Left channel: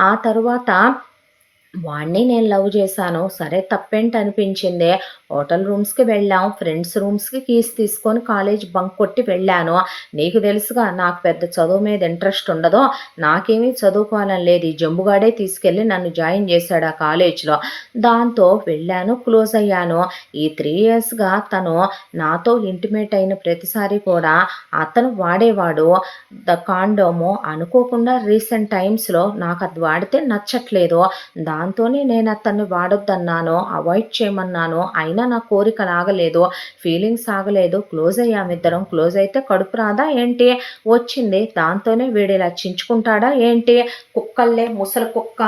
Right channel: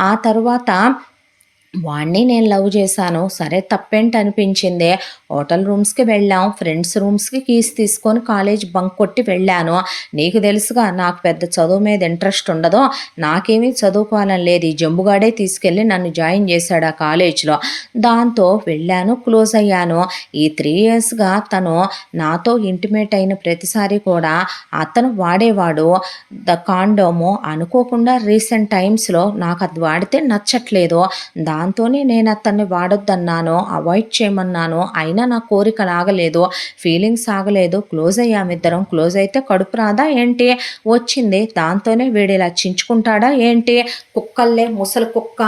ఆ తరువాత వాడిని నేను లవ్ చేశాను. సరే తప్పేంటనిపించింది. హోటల్ రూమ్స్‌కి వెళ్ళాం. ఫ్రెండ్స్ రూమ్స్‌కి కీస్ తీసుకొని కాలేజ్ బంక్ కొట్టి వెళ్ళాను. నీకు తెలుసుగా నాకు పెద్ద చదువు మీద ఇంట్రెస్ట్ ఉండదు. నాకేమీ చదువుకోవాలని లేదు. ఈ జంబుగాడే తీసుకెళ్ళి నన్ను జాయిన్ చేశాడు ఆ కాలేజ్‌లో. దాంతో వెళ్ళాను, క్లోజ్ అయ్యాను. ఈ 3 ఇయర్స్‌గా తను నాతో ఇంటిమేట్ అయిన ప్రతిసారి కూడా అతను వాడేవాడు కాండోము. అనుకోకుండా రీసెంట్ టైమ్స్‌లో నాకది వాడితే నచ్చట్లేదు. దాంతోనే నేను అతన్ని వాడొద్దన్నాను, అవాయిడ్ చేయమన్నాను. అయినా నా కోరికలు ఆగలేదు, ఫీలింగ్స్ ఆగలేదు. క్లోజ్ అయ్యామిద్దరం. క్లోజ్ అయితే కడుపు రాదా ఏంటి? వచ్చింది. దాంతోనే వీడిలా చించుకుంటాడా ఏంటి? కుక్కల్లే ముసలి కుక్క.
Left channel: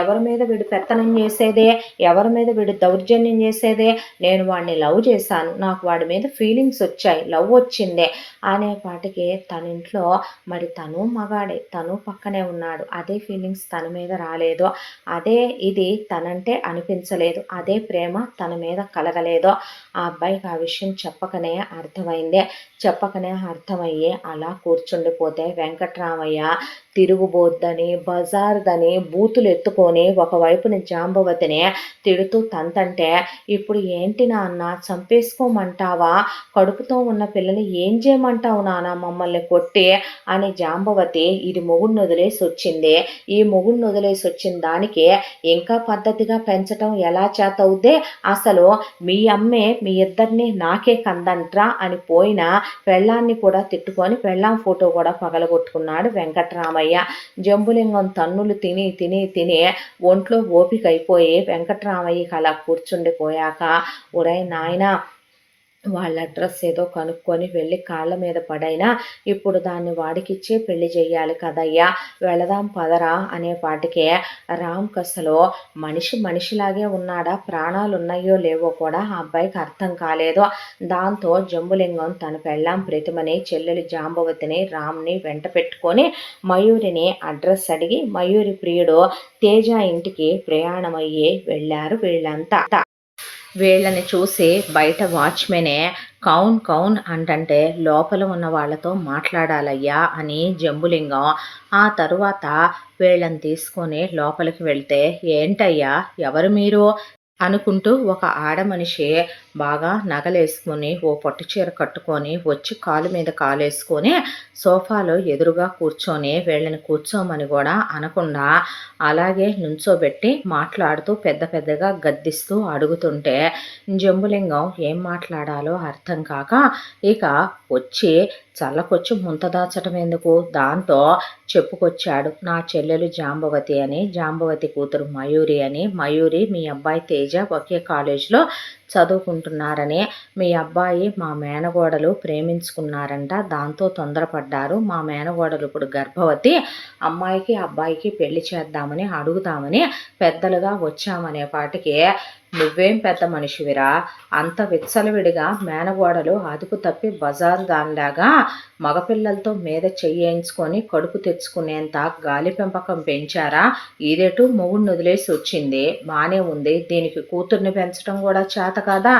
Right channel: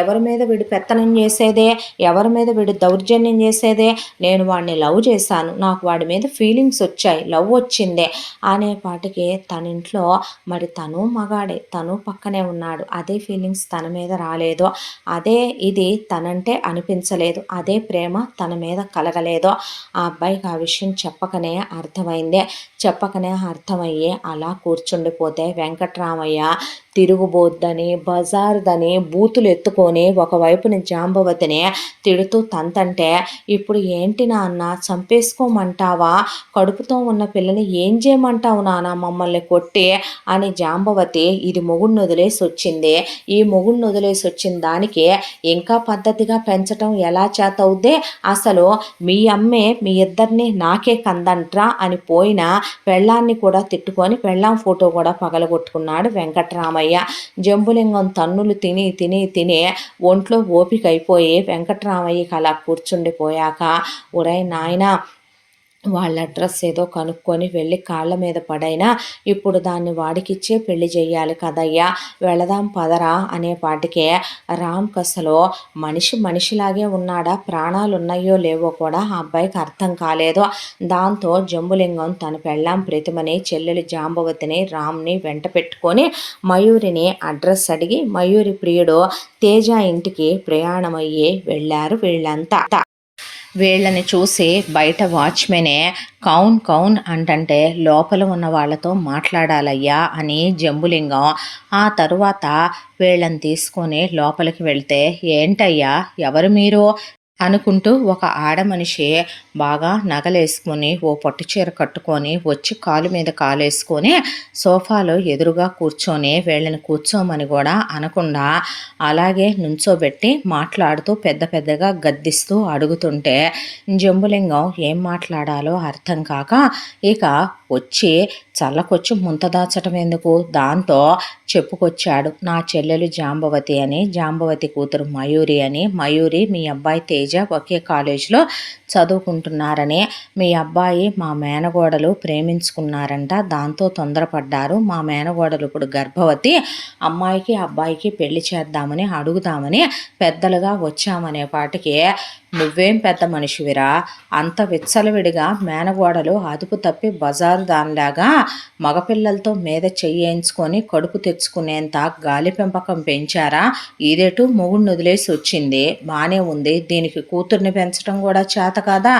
ఎవరి మీద వీడు పెత్తనం చేసేదే, ఎవరి మీద వీడు దౌర్జన్యం చేసేదే. నేను వాడిని లవ్ చేశాను. నాకు వాడి మీద ఫీలింగ్స్ వచ్చాయి, లవ్ వచ్చింది అనేపాటికి తన ఇంట్లో మరి తను మగాడే, తను పక్కనే ఉన్నాడు. అదే ఫీలింగ్స్ తన మీద రాలేదు. అదే ఇది తనంటే అనిపించలేదు. అదే ప్రేమ తన మీద కలగలేదు. ఆ అబ్బాయికి ఆ విషయం చెప్పకనే అర్థమయ్యి అలా కూర్చుండిపోతే వెంకట్రామయ్య తిరుగుబోద్దని, బజార్దని బూతులు ఎత్తుకొని ఒకవైపున జాంబవతిని తిడుతూ తంతంటే, ఇప్పుడు ఏంటి నాన్న చంపేసుకోమంటావా? కడుపుతో ఉన్న పిల్లని ఏం చేయమంటావు నాన్న మమ్మల్ని కొట్టి అని జాంబవతి ఇది మొగుడిని వదిలేసి వచ్చింది. ఈ మొగుడిని వదిలేసి వచ్చిన దానికి ఇంకా పద్ధతిగా పెంచటం ఎలా చేతవుద్ది? అసలు మీ అమ్మే మీ ఇద్దరిని నాకే కందంట్రా అని పోయిన పెళ్ళాన్ని కూడా తిట్టుకొని పెళ్ళాం ఫోటో కూడా పగలగొట్టుకున్నాడు వెంకట్రామయ్య. జంబులింగం తన్నులు తిని ఒంట్లో ఓపిక అయిపోయి వెంకట్రామయ్యకి అలా కూర్చుండిపోయాక, ఒరేయ్ నాయనా వాళ్ళ అడ్రస్ ఏదో కనుక్కొని వెళ్ళి కాళ్ళ మీద పడైనా ఇప్పుడు దాన్ని వాడికిచ్చే పెళ్లి చెయ్యాలి కదయ్యా, వెళదాం పదరా అనేపాటికే రామ్కి అసలు మనిషిలాగే ఉన్నాడా, ప్రాణాలు ఉన్నాయో లేవో కూడా ఆ అబ్బాయికి అర్థం కాలేదు. దాంతో జంబులింగం తన పెళ్ళాం ప్రతిమని, చెల్లెలి జాంబవతిని, రామ్ని వెంట పెట్టుకొని మయూరిని అడ్రస్ అడిగి మయూరి ప్రియుడు తేజ ఇంటికి ప్రయాణమయ్యి వెళ్ళారు వీళ్ళంతా. వీళ్ళని చూసి బయట వాచ్మెనే కౌన్ కౌన్ అంటంటే లోపల ఉన్న వాళ్ళతో మాట్లాడాలయ్యా అని జంబులింగం. ఆ తరువాత వీళ్ళని తీసుకొని లోపలికి వెళ్తే, ఏంటయ్యా ఎవరు మీరు అనుకుంటూ ఒక ఆడమనిషి బాగా నగలేసుకొని ఓ పట్టు చీర కట్టుకొని వచ్చి కాలు మీద కాలేసుకొని సోఫాలో ఎదురుగా కూర్చొని వీళ్ళని కూర్చోమని కూడా అనకుండా అలాగే నుంచోబెట్టి మాట్లాడుతూ పెద్దగా గద్దిస్తూ అడుగుతుంటే జంబులింగం ఏం మాట్లాడాలో అర్థం కాక ఇక వచ్చి చల్లకొచ్చి ముంత దాచటం ఎందుకు, దాంతో చెప్పుకొచ్చాడు. నా చెల్లెలు జాంబవతి అని, జాంబవతి కూతురు మయూరి అని. మయూరి మీ అబ్బాయి తేజ ఒకే కాలేజీలో చదువుకుంటున్నారని, మీ అబ్బాయి మా మేనగోడలు ప్రేమించుకున్నారంట, దాంతో తొందరపడ్డారు. మా మేనగోడలు ఇప్పుడు గర్భవతి, అమ్మాయికి అబ్బాయికి పెళ్లి చేద్దామని అడుగుదామని పెద్దలుగా వచ్చామనేపాటికి, నువ్వేం పెద్ద మనిషివిరా, అంత విచ్చలవిడిగా మేనగోడలు అదుపు తప్పి బజారు దానిలాగా మగపిల్లలతో మీద చెయ్యేయించుకొని కడుపు తెచ్చుకునేంత గాలి పెంపకం పెంచారా? ఇదేటు మొగుడిని వదిలేసి వచ్చింది, బాగానే ఉంది, దీనికి కూతుర్ని పెంచడం కూడా చేత కాదా?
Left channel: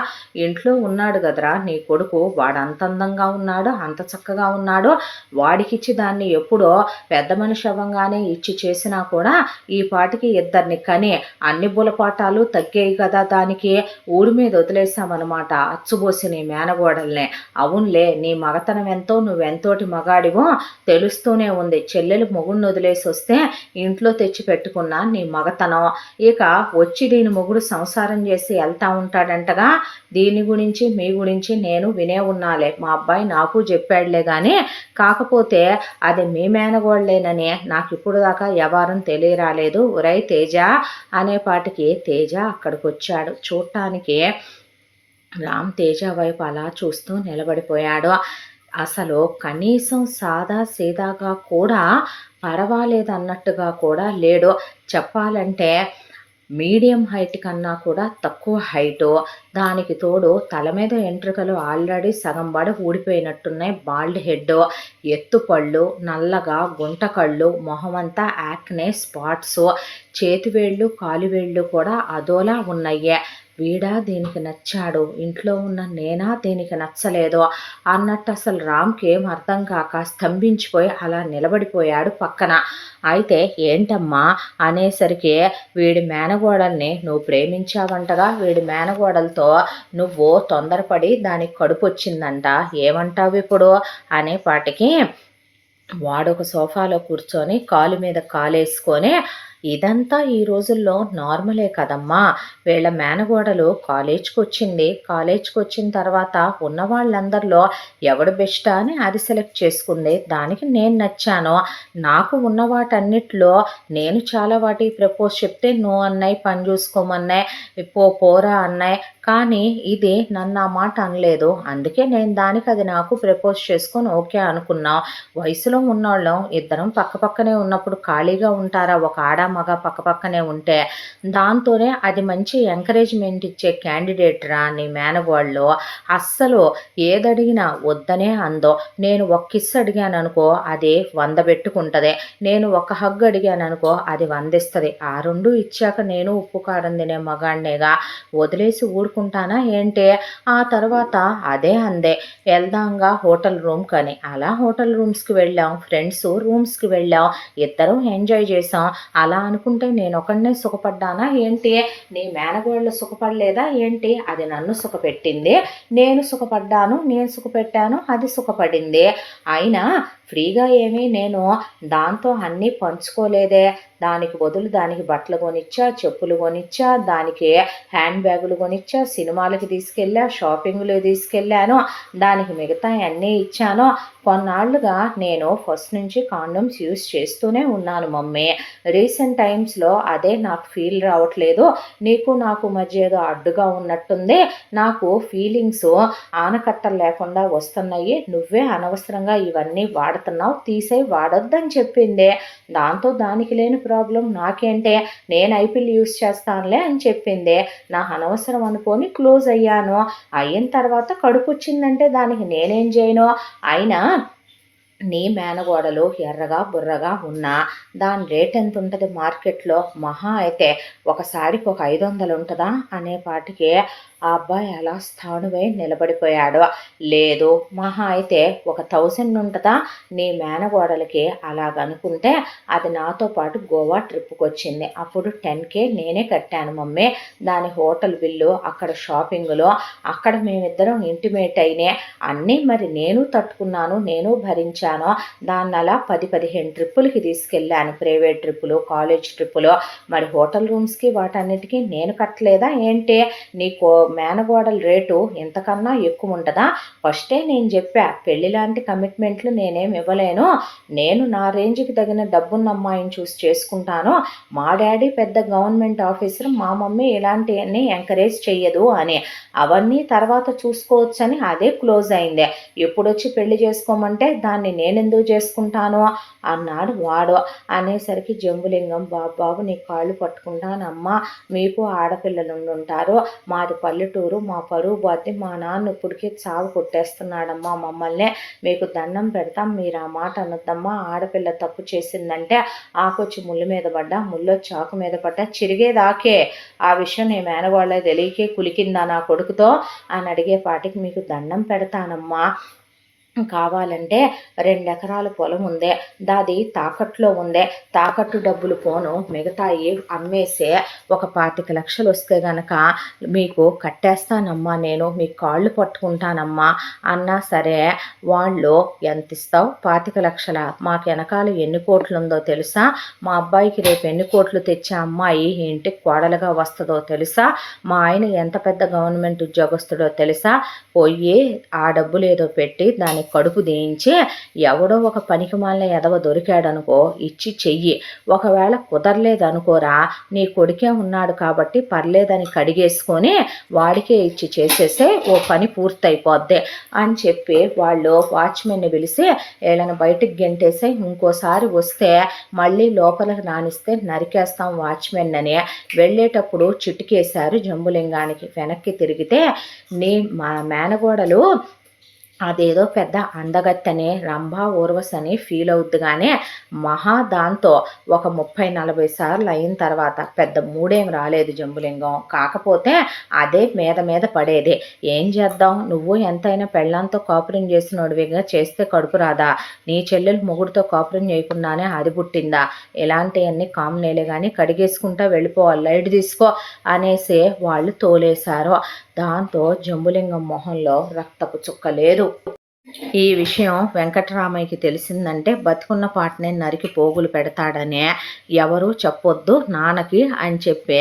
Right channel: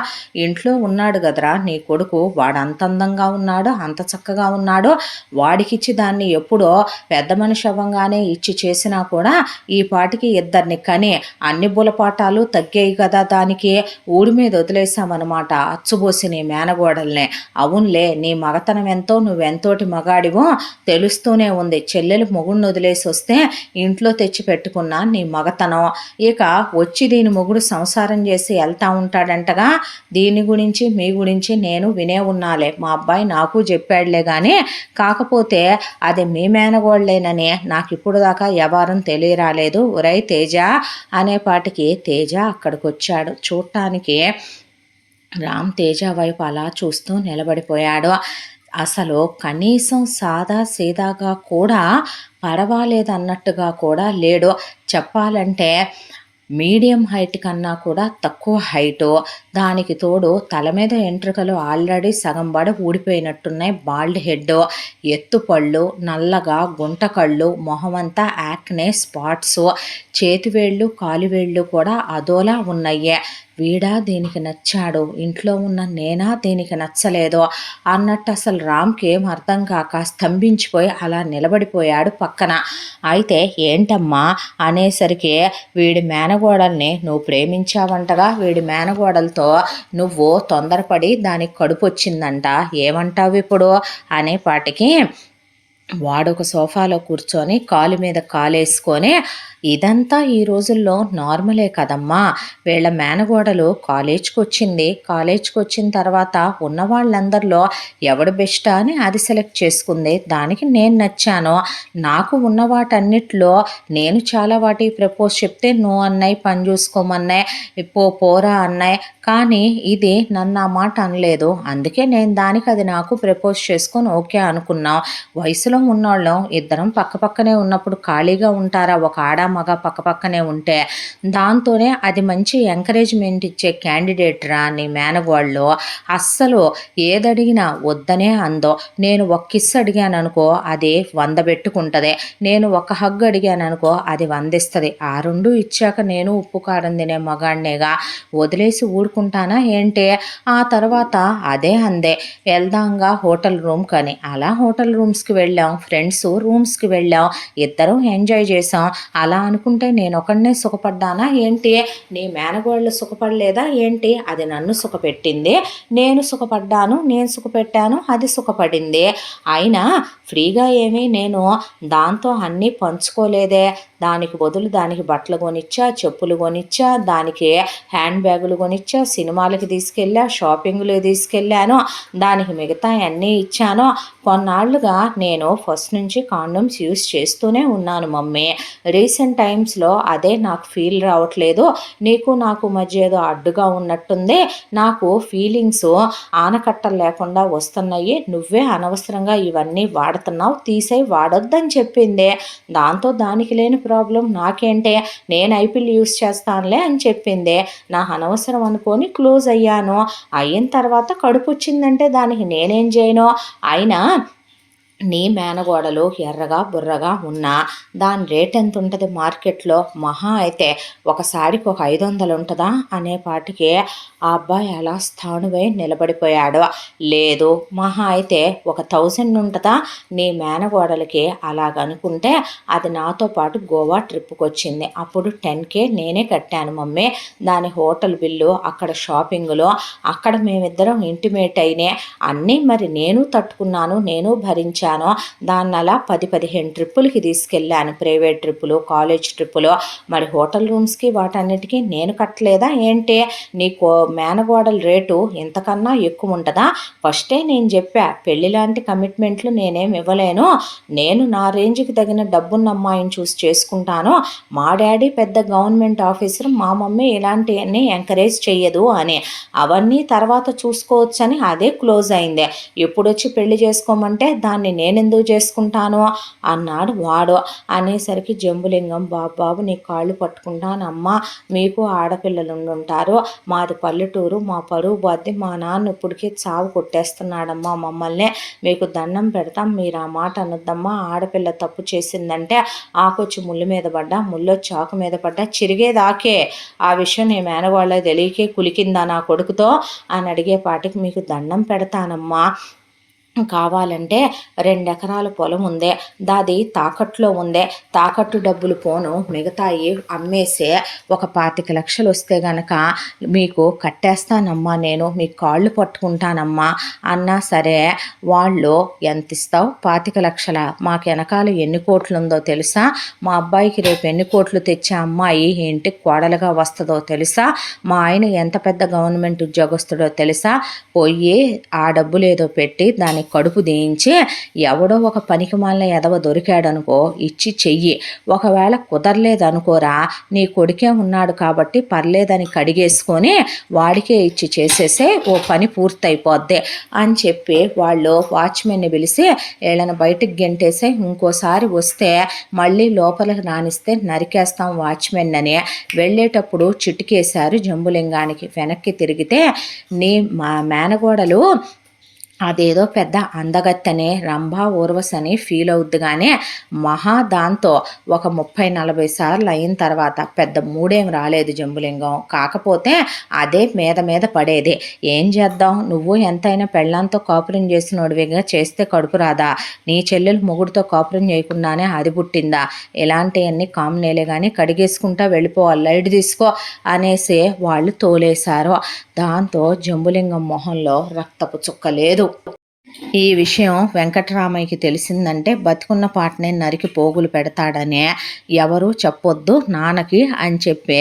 ఇంట్లో ఉన్నాడు కదరా నీ కొడుకు, వాడు అంత అందంగా ఉన్నాడు, అంత చక్కగా ఉన్నాడు, వాడికిచ్చి దాన్ని ఎప్పుడో పెద్ద మనిషి అవ్వంగానే ఇచ్చి చేసినా కూడా ఈ పాటికి ఇద్దరిని కని అన్ని బులపాటాలు తగ్గాయి కదా దానికి. ఊడి మీద వదిలేసామన్నమాట అచ్చుబోసి నీ మేనగోడల్నే. అవునులే, నీ మగతనం ఎంతో, నువ్వెంతోటి మగాడివో తెలుస్తూనే ఉంది. చెల్లెలు మొగుడిని వదిలేసి వస్తే ఇంట్లో తెచ్చి పెట్టుకున్న నీ మగతనం, ఇక వచ్చి దీని మొగుడు సంసారం చేసి వెళ్తా ఉంటాడంటగా. దీని గురించి మీ గురించి నేను వినే ఉన్నాలే, మా అబ్బాయి నాకు చెప్పాడులే కానీ, కాకపోతే అది మీ మేనగోళ్ళేనని నాకు ఇప్పుడు దాకా వ్యవహారం తెలియరాలేదు. ఒరై తేజ అనేపాటికి తేజ అక్కడికి వచ్చాడు. చూడటానికి రామ్ తేజ వైపు అలా చూస్తూ నిలబడిపోయాడు. అసలు కనీసం సాదా సీదాగా కూడా పర్వాలేదన్నట్టుగా కూడా లేడు. చెప్పాలంటే మీడియం హైట్ కన్నా కూడా తక్కువ హైటు, దానికి తోడు తల మీద ఎంట్రుకలు ఆల్రెడీ సగం బడ ఊడిపోయినట్టున్నాయి. బాల్డ్ హెడ్, ఎత్తుపళ్ళు, నల్లగా గుంట కళ్ళు, మొహమంతా యాక్నే స్పాట్స్, చేతివేళ్ళు కాలివేళ్ళు కూడా అదోలా ఉన్నాయి. వీడా దీనికి నచ్చాడు, ఇంట్లో ఉన్న నేనా దీనికి నచ్చలేదు అన్నట్టు అసలు రామ్కి ఏం అర్థం కాక స్తంభించిపోయి అలా నిలబడిపోయాడు పక్కన. అయితే ఏంటమ్మా అనేసరికి, వీడి మేనగోడల్ని నువ్వు ప్రేమించావంటగా, వీడి మేనగోడలతో నువ్వు తొందరపడి దానికి కడుపు వచ్చిందంట, ఏమంటావు ఇప్పుడు అనేపాటికి వాడొక సోఫాలో కూర్చొని కాలు మీద కాలేసుకొని, ఇదంతా ఈ రోజుల్లో నార్మలే కదమ్మా, వీళ్ళ మేనగోడలు కాలేజ్కి వచ్చింది, కాలేజ్కి వచ్చిన తర్వాత ఉన్న వాళ్ళందరిలో ఎవడు బెస్ట్ అని అది సెలెక్ట్ చేసుకుంది, దానికి నేను నచ్చాను, నాకు ఉన్న వాటన్నిటిలో నేను చాలా వాటికి ప్రపోజ్ చెప్తే నువ్వు అన్నాయి, పని చూసుకోమన్నాయి, పోరా అన్నాయి, కానీ ఇది నన్ను ఆ మాట అనలేదు, అందుకే నేను దానికి అది నాకు ప్రపోజ్ చేసుకొని ఓకే అనుకున్నాం. వయసులో ఉన్నోళ్ళం ఇద్దరం పక్కపక్కనే ఉన్నప్పుడు ఖాళీగా ఉంటారా, ఒక ఆడ మగ పక్కపక్కనే ఉంటే? దాంతోనే అది మంచి ఎంకరేజ్మెంట్ ఇచ్చే క్యాండిడేట్ రా నీ మేనగోళ్ళు, అస్సలు ఏదడిగినా వద్దనే అందో. నేను ఒక కిస్ అడిగాను అనుకో అది 100 పెట్టుకుంటుంది, నేను ఒక హగ్ అడిగాను అనుకో అది 100 ఇస్తుంది. ఆ రెండు ఇచ్చాక నేను ఉప్పు కారం తినే మగాడినేగా, వదిలేసి ఊడుకుంటానా ఏంటి? ఆ తర్వాత అదే అందే, వెళ్దాంగా హోటల్ రూమ్ కని. అలా హోటల్ రూమ్స్కి వెళ్ళాం, ఫ్రెండ్స్ రూమ్స్కి వెళ్ళాం, ఇద్దరం ఎంజాయ్ చేసాం. అలా అనుకుంటే నేను ఒకడినే సుఖపడ్డానా ఏంటి? నీ మేనగోళ్ళు సుఖపడలేదా ఏంటి? అది నన్ను సుఖపెట్టింది, నేను సుఖపడ్డాను, నేను సుఖపెట్టాను, అది సుఖపడింది. అయినా ఫ్రీగా ఏమీ నేను దాంతో అన్నీ పంచుకోలేదే. దానికి బదులు దానికి బట్టలు కొనిచ్చా, చెప్పులు కొనిచ్చా, దానికి హ్యాండ్ బ్యాగులు కొనిచ్చా, సినిమాలకి తీసుకెళ్ళా, షాపింగ్లు తీసుకెళ్ళాను, దానికి మిగతా అన్నీ ఇచ్చాను. కొన్నాళ్ళుగా నేను ఫస్ట్ నుంచి కాండోమ్స్ యూస్ చేస్తూనే ఉన్నాను మమ్మీ. రీసెంట్ టైమ్స్లో అదే నాకు ఫీల్ రావట్లేదు, నీకు నాకు మధ్య ఏదో అడ్డుగా ఉన్నట్టుంది, నాకు ఫీలింగ్స్ ఆనకట్టలు లేకుండా వస్తున్నాయి, నువ్వే అనవసరంగా ఇవన్నీ వాడుతున్నావు, తీసేయి వాడొద్దని చెప్పిందే. దాంతో దానికి లేని ప్రాబ్లం నాకేంటే, నేను ఐపిల్ యూస్ చేస్తానులే అని చెప్పిందే. నా అనవసరం అనుకొని క్లోజ్ అయ్యాను. అయిన తర్వాత కడుపు వచ్చిందంటే దానికి నేనేం చేయను? అయినా నీ మేనగోడలు ఎర్రగా బుర్రగా ఉన్నా దాని రేట్ ఎంత ఉంటుంది మార్కెట్లో? మహా అయితే ఒకసారికి ఒక 500 ఉంటుందా అనేపాటికి ఆ అబ్బాయి అలా స్థానువై నిలబడిపోయాడు. లేదు, మహా అయితే ఒక 1000 ఉంటుందా నీ మేనగోడలకి? అలాగనుకుంటే అది నాతో పాటు గోవా ట్రిప్కి వచ్చింది, అప్పుడు 10K నేనే కట్టాను మమ్మీ. దాని హోటల్ బిల్లు, అక్కడ షాపింగ్లో, అక్కడ మేమిద్దరం ఇంటిమేట్ అయినే అన్నీ మరి నేను తట్టుకున్నాను, నేను భరించాను. దాన్ని అలా 10-15 ట్రిప్పులకి తీసుకెళ్ళాను, ప్రైవేట్ ట్రిప్పులు, కాలేజ్ ట్రిప్పులు. మరి హోటల్ రూమ్స్కి వాటన్నిటికీ నేను కట్టలేదా ఏంటి? నీకు మేనగోడల రేటు ఇంతకన్నా ఎక్కువ ఉంటుందా? ఫస్టే నేను చెప్పా, పెళ్లి లాంటి కమిట్మెంట్లు నేనేం ఇవ్వలేను, నేను నా రేంజ్కి తగిన డబ్బున్న అమ్మాయిని చూసి చేసుకుంటాను, మా డాడీ పెద్ద గవర్నమెంట్ ఆఫీసర్, మా మమ్మీ ఇలాంటివన్నీ ఎంకరేజ్ చెయ్యదు అని. అవన్నీ తర్వాత చూసుకోవచ్చని అదే క్లోజ్ అయిందే. ఎప్పుడొచ్చి పెళ్లి చేసుకోమంటే దాన్ని నేనెందుకు చేసుకుంటాను అన్నాడు వాడు. అనేసరికి జంబులింగం, బాబు నీ కాళ్ళు పట్టుకుంటానమ్మా, మీకు ఆడపిల్లలు ఉంటారు, మాది పల్లెటూరు, మా పరువు బాధ్య, మా నాన్న ఇప్పటికీ చావు కొట్టేస్తున్నాడమ్మా మమ్మల్ని, మీకు దండం పెడతాం, మీరు ఆ మాట అనొద్దమ్మా, ఆడపిల్ల తప్పు చేసిందంటే ఆకొచ్చి ముళ్ళు మీద పడ్డా, ముళ్ళొచ్చి ఆకు మీద పడ్డా చిరిగేదాకే, ఆ విషయం నీ మేనవాళ్ళ తెలియకే కులికిందా నా కొడుకుతో అని అడిగేపాటికి, మీకు దండం పెడతానమ్మా, కావాలంటే 2 ఎకరాల పొలం ఉందే, దాది తాకట్లో ఉందే, తాకట్టు డబ్బులు పోను మిగతాయి అమ్మేసే ఒక 25 లక్షలు వస్తే గనక మీకు కట్టేస్తానమ్మా, నేను మీ కాళ్ళు పట్టుకుంటానమ్మా అన్నా సరే వాళ్ళు ఎంత ఇస్తావు? 25 లక్షల? మాకు వెనకాల ఎన్ని కోట్లు ఉందో తెలుసా? మా అబ్బాయికి రేపు ఎన్ని కోట్లు తెచ్చే అమ్మాయి ఇంటికి కోడలుగా వస్తుందో తెలుసా? మా ఆయన ఎంత పెద్ద గవర్నమెంట్ ఉద్యోగస్తుడో తెలుసా? పోయి ఆ డబ్బులు ఏదో పెట్టి దానికి కడుపు దేయించి ఎవడో ఒక పనికిమాలిన ఎదవ దొరికాడనుకో ఇచ్చి చెయ్యి. ఒకవేళ కుదరలేదనుకోరా, నీ కొడుకే ఉన్నాడు కాబట్టి పర్లేదని కడిగేసుకొని వాడికే ఇచ్చి చేసేసే, ఓ పని పూర్తయిపోద్ది అని చెప్పి వాళ్ళు వాచ్మెన్ని పిలిచి వీళ్ళని బయటికి గెంటేసి ఇంకోసారి వస్తే మళ్ళీ లోపలికి రానిస్తే నరికేస్తాం వాచ్మెన్ అని వెళ్ళేటప్పుడు చిటికేశారు జంబులింగానికి. వెనక్కి తిరిగితే మా మేనగోడలు అదేదో పెద్ద అందగత్తని రంభ ఊర్వశని ఫీల్ అవుద్ది కానీ దాంతో ఒక 30-40 సార్లు అయిన తర్వాత పెద్ద మూడేం రాలేదు జంబులింగం. కాకపోతే అదే మీద పడేది. ఏం చేద్దాం, నువ్వు ఎంతైనా పెళ్ళాంతో కాపురం చేసినోడివిగా, చేస్తే కడుపు రాదా? నీ చెల్లెలు మొగుడితో కాపురం చేయకుండానే అది పుట్టిందా? ఇలాంటివన్నీ కామనేలే కానీ కడిగేసుకుంటా వెళ్ళిపోవాలి, లైట్ తీసుకో అనేసి వాళ్ళు తోలేశారు. దాంతో జంబులింగం మొహంలో రక్తపు చుక్క లేదు. ఈ విషయం వెంకటరామయ్యకి తెలిసిందంటే బతికున్న పాటనే నరికి పోగులు పెడతాడనే ఎవరు చెప్పొద్దు నాన్నకి అని చెప్పి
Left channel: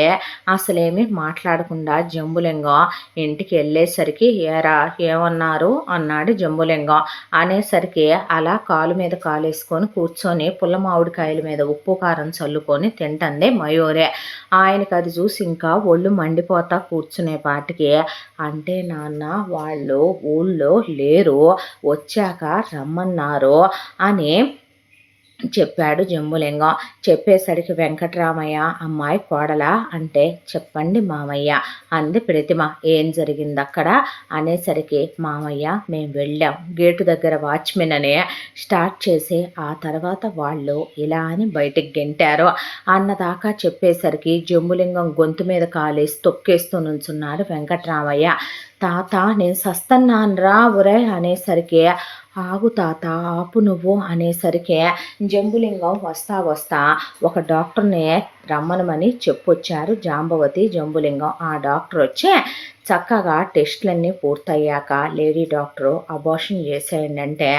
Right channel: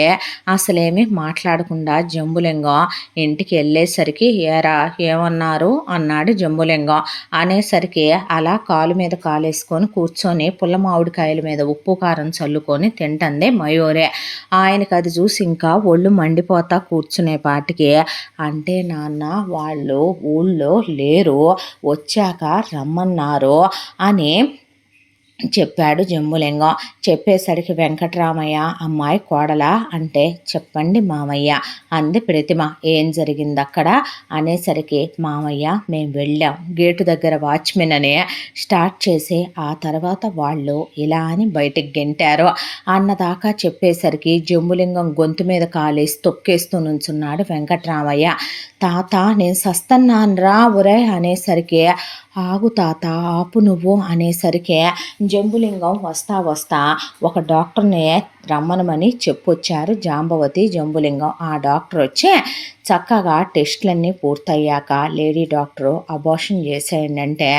అసలేమి మాట్లాడకుండా జంబులింగం ఇంటికి వెళ్ళేసరికి ఏరా ఏమన్నారు అన్నాడు జంబులింగం. అనేసరికి అలా కాలు మీద కాలేసుకొని కూర్చొని పుల్ల మామిడికాయల మీద ఉప్పు కారం చల్లుకొని తింటందే మయూరే. ఆయనకు అది చూసి ఇంకా ఒళ్ళు మండిపోతా కూర్చునే పాటికి, అంటే నాన్న వాళ్ళు ఊళ్ళో లేరు, వచ్చాక రమ్మన్నారు అని చెప్పాడు జంబులింగం. చెప్పేసరికి వెంకటరామయ్య అమ్మాయి కోడలా అంటే చెప్పండి మామయ్య అంది ప్రతిమ. ఏం జరిగింది అక్కడ అనేసరికి మామయ్య మేము వెళ్ళాం, గేటు దగ్గర వాచ్మెన్ అని స్టార్ట్ చేసి ఆ తర్వాత వాళ్ళు ఇలా అని బయటికి గెంటారు అన్నదాకా చెప్పేసరికి జంబులింగం గొంతు మీద కాలేసి తొక్కేస్తూ నుంచున్నాడు వెంకటరామయ్య. తాత నేను సస్తన్నాన్రా ఒరే అనేసరికి ఆగు తాత ఆపు నువ్వు అనేసరికి జంబులింగం వస్తా ఒక డాక్టర్ని రమ్మనమని చెప్పొచ్చారు జాంబవతి జంబులింగం. ఆ డాక్టర్ వచ్చి చక్కగా టెస్టులన్నీ పూర్తయ్యాక లేడీ డాక్టరు అబార్షన్ చేసేయండి అంటే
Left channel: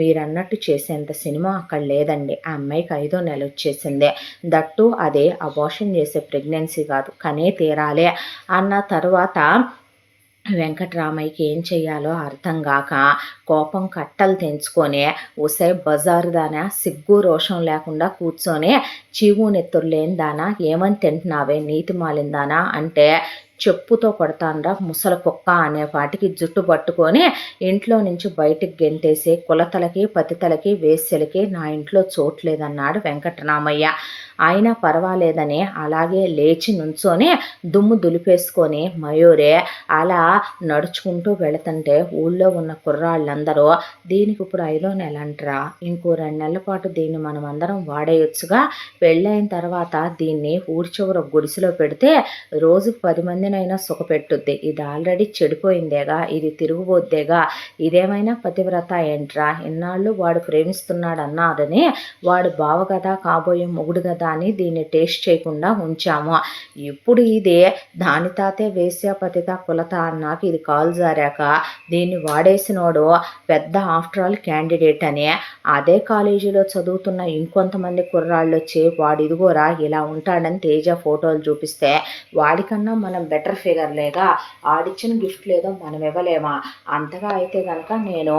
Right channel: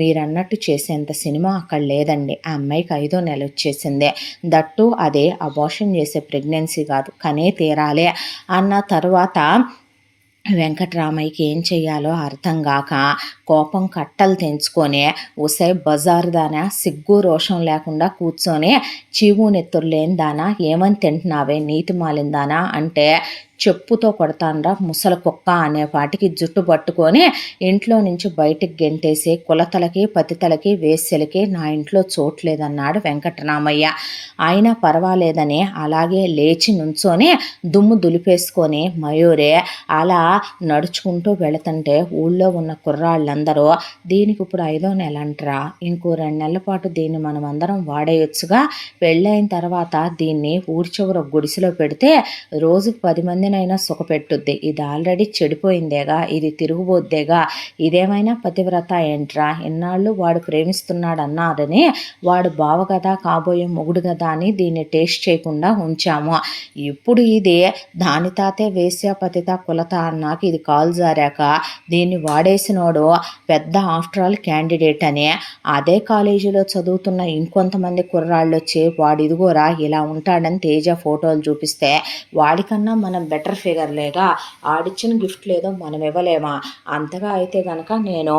మీరన్నట్టు చేసేంత సినిమా అక్కడ లేదండి, ఆ అమ్మాయికి 5వ నెల వచ్చేసింది, దట్టు అదే అబార్షన్ చేసే ప్రెగ్నెన్సీ కాదు, కనే తీరాలే అన్న తర్వాత వెంకటరామయ్యకి ఏం చెయ్యాలో అర్థం కాక కోపం కట్టలు తెంచుకొని ఉసై బజారు దానా సిగ్గు రోషం లేకుండా కూర్చొని చీము నెత్తురు లేని దానా ఏమని తింటున్నావే నీతి మాలిందానా అంటే చెప్పుతో కొడతాండ్రా ముసల కుక్క అనేపాటికి జుట్టు పట్టుకొని ఇంట్లో నుంచి బయటికి గెంటేసి కులతలకి పతితలకి వేశ్యలకి నా ఇంట్లో చోట్లేదన్నాడు వెంకటరామయ్య. అయినా పర్వాలేదని అలాగే లేచి నుంచొని దుమ్ము దులిపేసుకొని మయూరే అలా నడుచుకుంటూ వెళుతుంటే ఊళ్ళో ఉన్న కుర్రాళ్ళందరూ దీనికి ఇప్పుడు 5వ నెల అంటరా, ఇంకో 2 నెలల పాటు దీన్ని మనం అందరం వాడేయొచ్చుగా, పెళ్ళైన తర్వాత దీన్ని ఊరి చివర గుడిసెలో పెడితే రోజుకు 10 మందినైనా సుఖపెట్టుద్ది, ఇది ఆల్రెడీ చెడిపోయిందేగా, ఇది తిరుగుబోద్దేగా, ఇదేమైనా పతివ్రత ఏంట్రా, ఇన్నాళ్ళు వాడు ప్రేమిస్తున్నాడు అన్నారని వాడు బావ కదా కాబోయే మొగుడు కదా అని దీన్ని టేస్ట్ చేయకుండా ఉంచాము. ఇప్పుడు ఇది దాని తాతే వేశ్య పతిత కులత అన్నాక ఇది కాలు జారాక దీన్ని వాడేసినోడు పెద్ద ఆఫ్టర్ ఆల్ క్యాండిడేట్ అని అదే కాలేజీలో చదువుతున్న ఇంకొంతమంది కుర్రాళ్ళు వచ్చి వాడు ఇదిగోరా ఇలా ఉంటాడని తేజ ఫోటోలు చూపిస్తే వాడికన్నా మనం బెటర్ ఫిగర్లేగా, ఆడిచ్చిన గిఫ్ట్ లేదో మనం ఇవ్వలేమా, అంతగా అయితే కనుక నేను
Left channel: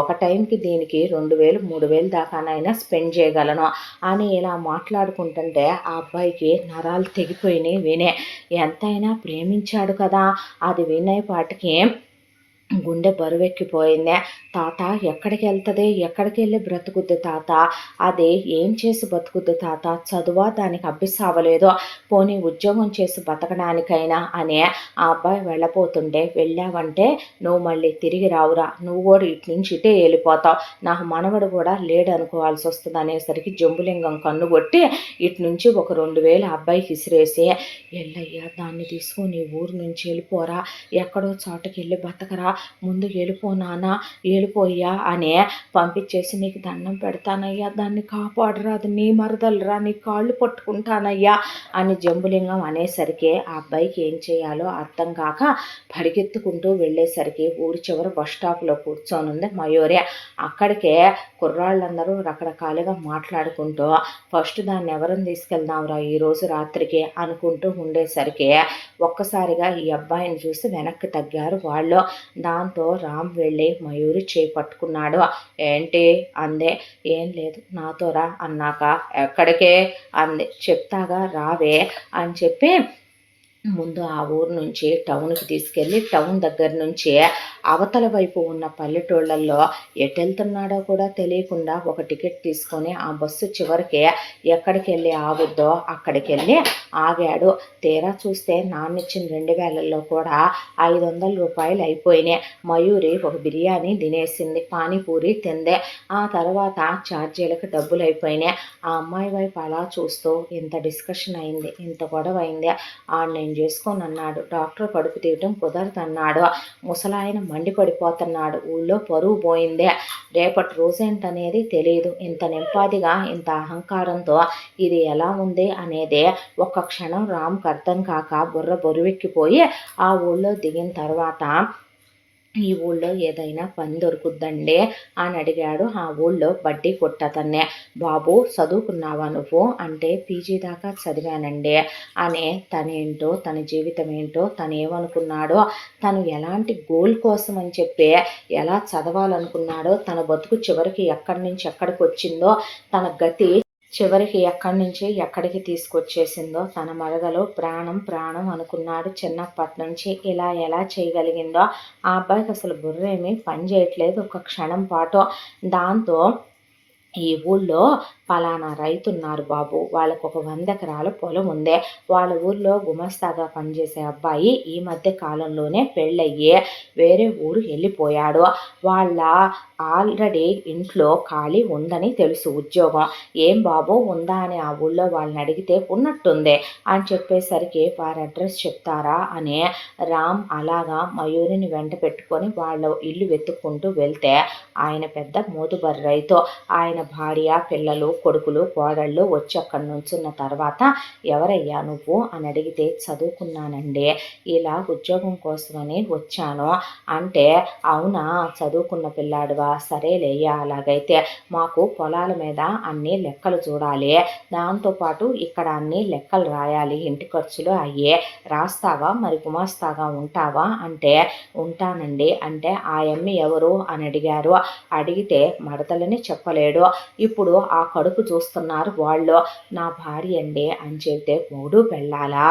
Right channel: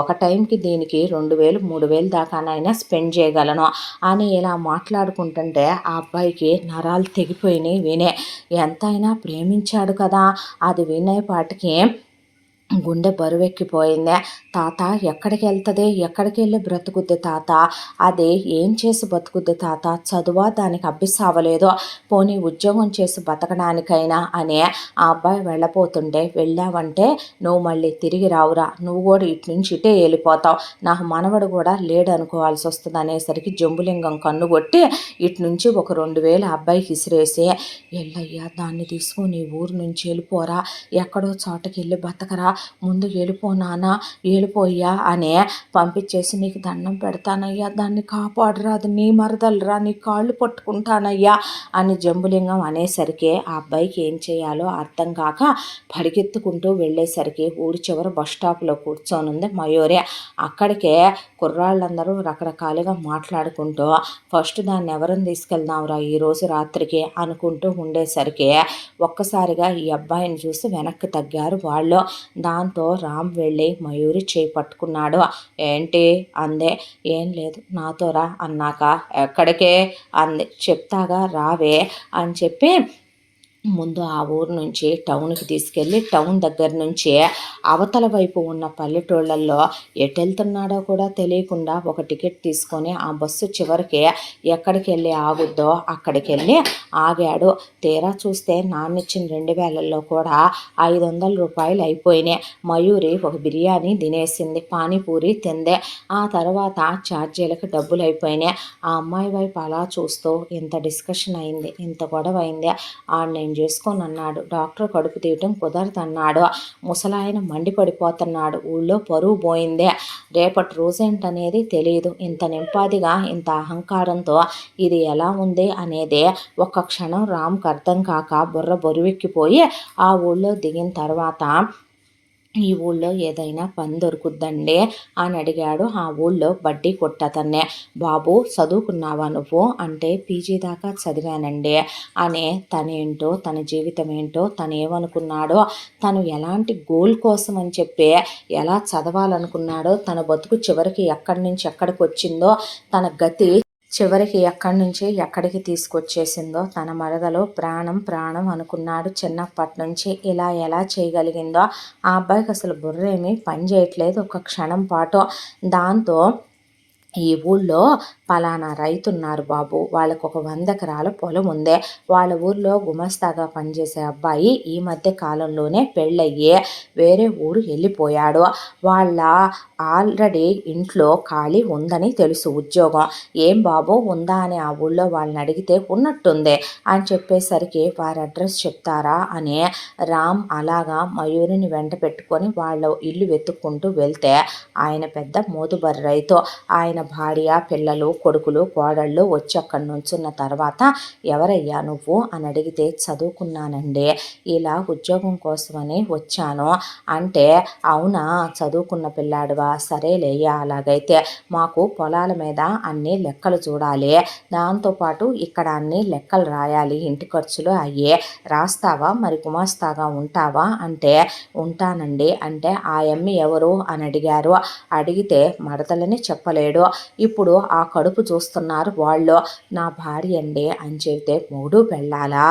ఒక టైంకి దీనికి 2000-3000 దాకానైనా స్పెండ్ చేయగలను అని ఇలా మాట్లాడుకుంటుంటే ఆ అబ్బాయికి నరాలు తెగిపోయినాయి. వినే ఎంతైనా ప్రేమించాడు కదా, అది వినేపాటికి గుండె బరువెక్కిపోయిందే. తాత ఎక్కడికి వెళ్తుంది, ఎక్కడికి వెళ్ళి బ్రతుకుద్ది తాత, అది ఏం చేసి బతుకుద్ది తాత, చదువా దానికి అభ్యసావలేదో, పోనీ ఉద్యోగం చేసి బతకడానికైనా అని ఆ అబ్బాయి వెళ్ళపోతుంటే వెళ్ళావంటే నువ్వు మళ్ళీ తిరిగి రావురా, నువ్వు కూడా ఇటు నుంచి ఇటే వెళ్ళిపోతావు, నాకు మనవడు కూడా లేడు అనుకోవాల్సి వస్తుంది అనేసరికి జంబులింగం కన్ను కొట్టి ఇటు నుంచి ఒక 2000 అబ్బాయికి ఇసిరేసి ఎల్లయ్యా దాన్ని తీసుకుని ఊరు నుంచి వెళ్ళిపోరా, ఎక్కడో చోటకి వెళ్ళి బతకరా, ముందు వెళ్ళిపోనానా వెళ్ళిపోయ్యా అని పంపించేసి నీకు దండం పెడతానయ్యా, దాన్ని కాపాడరా, అది నీ మరదలరా, నీ కాళ్ళు పట్టుకుంటానయ్యా అని జంబులింగం అనేసరికి ఆ అబ్బాయికి ఏం చేయాలో అర్థం కాక పరిగెత్తుకుంటూ వెళ్ళేసరికి ఊరి చివరి బస్ స్టాప్లో కూర్చొనుంది మయూరి. అక్కడికే కుర్రాళ్ళందరూ రకరకాలుగా మాట్లాడుకుంటూ ఫస్ట్ దాన్ని ఎవరిని తీసుకెళ్దాంరా ఈరోజు రాత్రికి అనుకుంటూ ఉండేసరికి ఒక్కసారిగా ఈ అబ్బాయిని చూసి వెనక్కి తగ్గారు వాళ్ళు. దాంతో రామ్ వెళ్ళి మయూరి చేయి పట్టుకున్నాడు. ఏంటి అందే. ఏం లేదు నాతో రా అన్నాక ఎక్కడికే అంది. చెప్తాగా రావే అని చెప్పి ముందు ఆ ఊరు నుంచి టౌన్కి తీసుకెళ్ళి టౌన్ దగ్గర నుంచి అవతల వైపు ఉన్న పల్లెటూళ్ళల్లో ఎటు వెళ్తున్నాడో కూడా తెలియకుండా ఒక టికెట్ తీసుకొని ఆ బస్సు చివరికి ఎక్కడికి వెళ్ళి ఆగుద్దో అక్కడికి వెళ్ళి ఆగాడు. తీరా చూస్తే నాన్నిచ్చిన 2000లో కూడా 500 రూపాయలు అయిపోయినాయి. మయూరి ఒక బిర్యానీ తినేసింది, పానీపూరి తిందే. ఆ తర్వాత ఛార్జీలకు డబ్బులు అయిపోయినాయి. ఆ అమ్మాయి వైపు అలా చూస్తూ ఇంత డిస్కషన్ అయింది, ఇంత గొడవ అయింది. నేను చేసుకొని అన్నాడు. డాక్టర్ కడుపు తీయటం కుదరదన్నాడు. ముసలాయన మండిపడిపోతున్నాడు. ఊళ్ళో పరువు పోయిందే. రేపటి రోజేంటనేది తెలియదు. ఇంత నింపాదిగా ఇంత అహంకారంతో ఇది ఎలా ఉంది అనేది ఒక్క క్షణం రామ్కి అర్థం కాక బుర్ర బరువెక్కిపోయి ఆ ఊళ్ళో దిగిన తర్వాత ఈ ఊళ్ళో ఏదైనా పని దొరుకుద్దండి అని అడిగాడు. ఆ ఊళ్ళో బడ్డీ కొట్టతన్నే. బాబు చదువుకున్నావా నువ్వు అంటే పీజీ దాకా చదివానండి అనే తనేంటో తన జీవితం ఏంటో తను ఏమనుకున్నాడో తను ఎలాంటి గోల్ కోసం అని చెప్పి ఎలా చదవాలనుకున్నాడో తన బతుకు చివరికి ఎక్కడి నుంచి ఎక్కడికి వచ్చిందో తన గతి చివరికి ఎక్కడి నుంచి ఎక్కడికి తీసుకొచ్చేసిందో తన మరదలో ప్రాణం ప్రాణం అనుకున్నాడు. చిన్నప్పటి నుంచి ఇలా ఎలా చేయగలిగిందో ఆ అబ్బాయికి అసలు బుర్రేమీ పని చేయట్లేదు ఒక క్షణం పాటు. దాంతో ఈ ఊళ్ళో పలానా రైతున్నారు బాబు, వాళ్ళకు ఒక 100 ఎకరాల పొలం ఉంది. వాళ్ళ ఊర్లో గుమస్తాగా పనిచేసే అబ్బాయి ఈ మధ్య కాలంలోనే పెళ్ళయ్యి వేరే ఊరు వెళ్ళిపోయాడు. వాళ్ళ ఆల్రెడీ ఇంట్లో ఖాళీ ఉందని తెలుసు ఉద్యోగం. ఏం బాబు ఉందా అని ఆ ఊళ్ళో వాళ్ళని అడిగితే ఉన్నట్టుంది అని చెప్పేసరికి వారి అడ్రస్ చెప్తారా అని రామ్ అలాగా మయూరిని వెంట పెట్టుకొని వాళ్ళ ఇల్లు వెతుక్కుంటూ వెళ్తే ఆయన పెద్ద మోతుబరి రైతు. ఆయన భార్య పిల్లలు కొడుకులు కోడళ్ళు వచ్చి అక్కడి నుంచున్న తర్వాత ఎవరయ్యా నువ్వు అని అడిగితే చదువుకున్నానండి, ఇలా ఉద్యోగం కోసమని వచ్చాను అంటే అవునా చదువుకున్న పిల్లాడువా, సరేలేయ్యా అలాగైతే మాకు పొలాల మీద అన్ని లెక్కలు చూడాలి, దాంతోపాటు ఇక్కడ అన్ని లెక్కలు రాయాలి, ఇంటి ఖర్చులు అయ్యే రాస్తావా, మరి గుమాస్తాగా ఉంటావా అంటే ఉంటానండి అంటే ఆ ఎమ్మి ఎవరు అని అడిగారు. అడిగితే మడతలని చెప్పలేడు. ఇప్పుడు ఆ కడుపు చూస్తున్నారు వాళ్ళు. నా భార్య అండి అని చెబితే మూడు పెళ్ళాలా,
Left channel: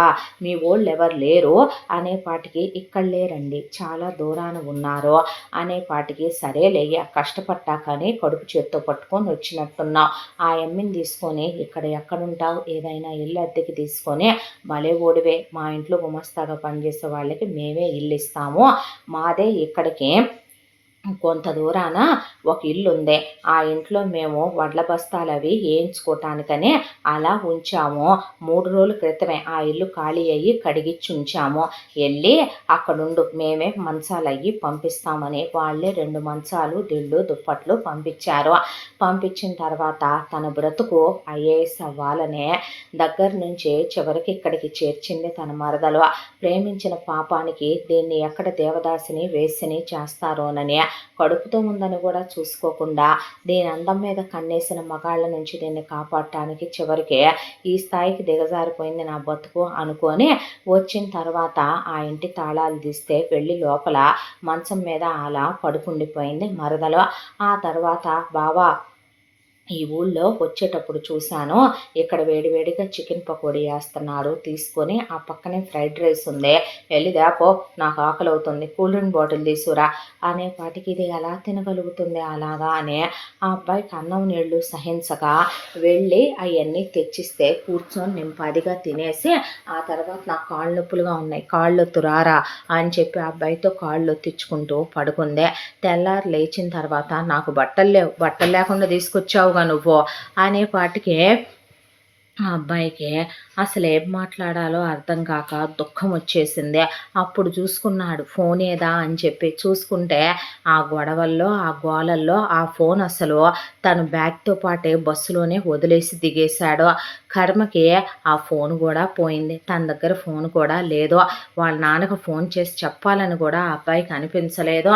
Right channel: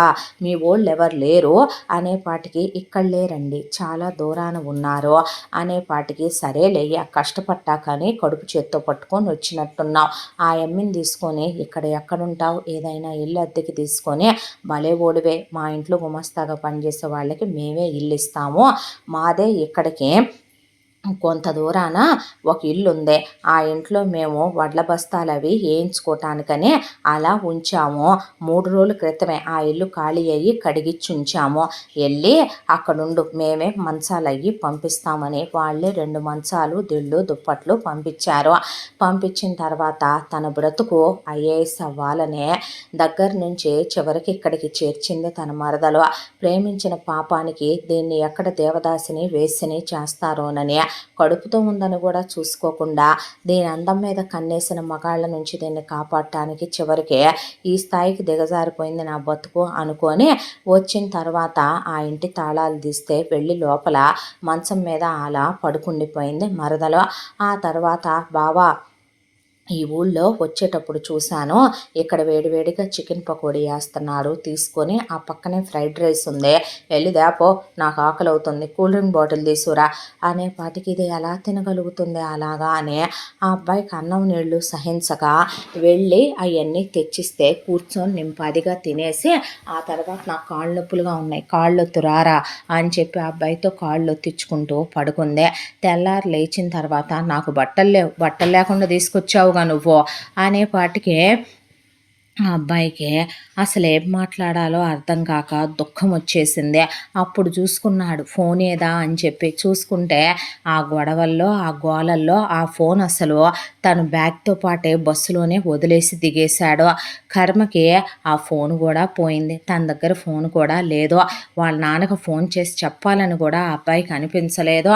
మీ వాళ్ళు ఎవరు లేరు అనేపాటికి ఇక్కడ లేరండి చాలా దూరాన ఉన్నారు అనేపాటికి సరేలేయ్యా కష్టపట్టా కానీ కడుపు చేత్తో పట్టుకొని వచ్చినట్టున్నావు, ఆ ఎమ్మిని తీసుకొని ఇక్కడ ఎక్కడుంటావు, ఏదైనా ఇల్లు అద్దెకి తీసుకొని భలే ఓడివే, మా ఇంట్లో గుమస్తాగా పనిచేసే వాళ్ళకి మేమే ఇల్లు ఇస్తాము, మాదే ఇక్కడికి కొంత దూరాన ఒక ఇల్లు ఉంది, ఆ ఇంట్లో మేము వడ్ల బస్తాలు అవి వేయించుకోవటానికని అలా ఉంచాము. 3 రోజుల క్రితమే ఆ ఇల్లు ఖాళీ అయ్యి కడిగిచ్చి ఉంచాము, వెళ్ళి అక్కడుండు మేమే మంచాలు అయ్యి పంపిస్తామని వాళ్ళే 2 మంచాలు దిళ్ళు దుప్పట్లు పంపించారు. పంపించిన తర్వాత తన బ్రతుకు ఐఏఎస్ అవ్వాలనే దగ్గర నుంచి చివరికి ఇక్కడికి చేర్చింది తన మరదలు. ప్రేమించిన పాపానికి దీన్ని ఎక్కడ దేవదాసిని వేసిని చేస్తారోనని కడుపుతో ఉందని కూడా చూసుకోకుండా దీని అందం మీద కన్నేసిన మగాళ్ళ నుంచి దీన్ని కాపాడటానికి చివరికి ఈ స్థాయికి దిగజారిపోయింది నా బతుకు అనుకొని వచ్చిన తర్వాత ఆ ఇంటి తాళాలు తీస్తే వెళ్ళి లోపల మంచం మీద అలా పడుకుండిపోయింది మరదలు. ఆ తర్వాత బావా ఈ ఊళ్ళో వచ్చేటప్పుడు చూశాను, ఇక్కడ వేడివేడిగా చికెన్ పకోడీ వేస్తున్నాడు, తీసుకొని ఆ పక్కనే ఫ్రైడ్ రైస్ ఉంది, వెళ్ళి దేపో నాకు ఆకలి అవుతుంది, కూల్ డ్రింక్ బాటిల్ తీసుకురా అనేపాటికి ఇది ఎలా తినగలుగుతుంది అలాగా అని ఆ అబ్బాయికి అన్నం నీళ్లు సహించగా వెళ్ళి అవన్నీ తెచ్చిస్తే కూర్చొని నింపాదిగా తినేసి ఆ తర్వాత నాకు కాళ్ళు నొప్పులుగా ఉన్నాయి, కాళ్ళొత్తు రారా అని చెప్పి ఆ అబ్బాయితో కాళ్ళు తెచ్చుకుంటూ పడుకుందే. తెల్లారు లేచిన తర్వాత నాకు బట్టలు లేవు, బట్టలు లేకుండా తీసుకొచ్చావు నువ్వు అనేపాటికి ఆ అబ్బాయికి అసలు ఏం మాట్లాడాలో అర్థం కాక దుఃఖం వచ్చేసింది. అప్పుడు చూసుకున్నాడు ఫోన్ ఏదా అని చెప్పి చూసుకుంటే ఆ గొడవల్లో ఆ గోలల్లో ఆ ఫోన్ అసలు తను బ్యాగ్తో పాటే బస్సులోనే వదిలేసి దిగేశాడు. కర్మకి ఆ ఫోన్ కూడా పోయింది, తన దగ్గర ఫోన్ కూడా లేదు. వాళ్ళ నాన్నకు ఫోన్ చేసి చెప్పాలని కూడా ఆ అబ్బాయికి అనిపించలేదు.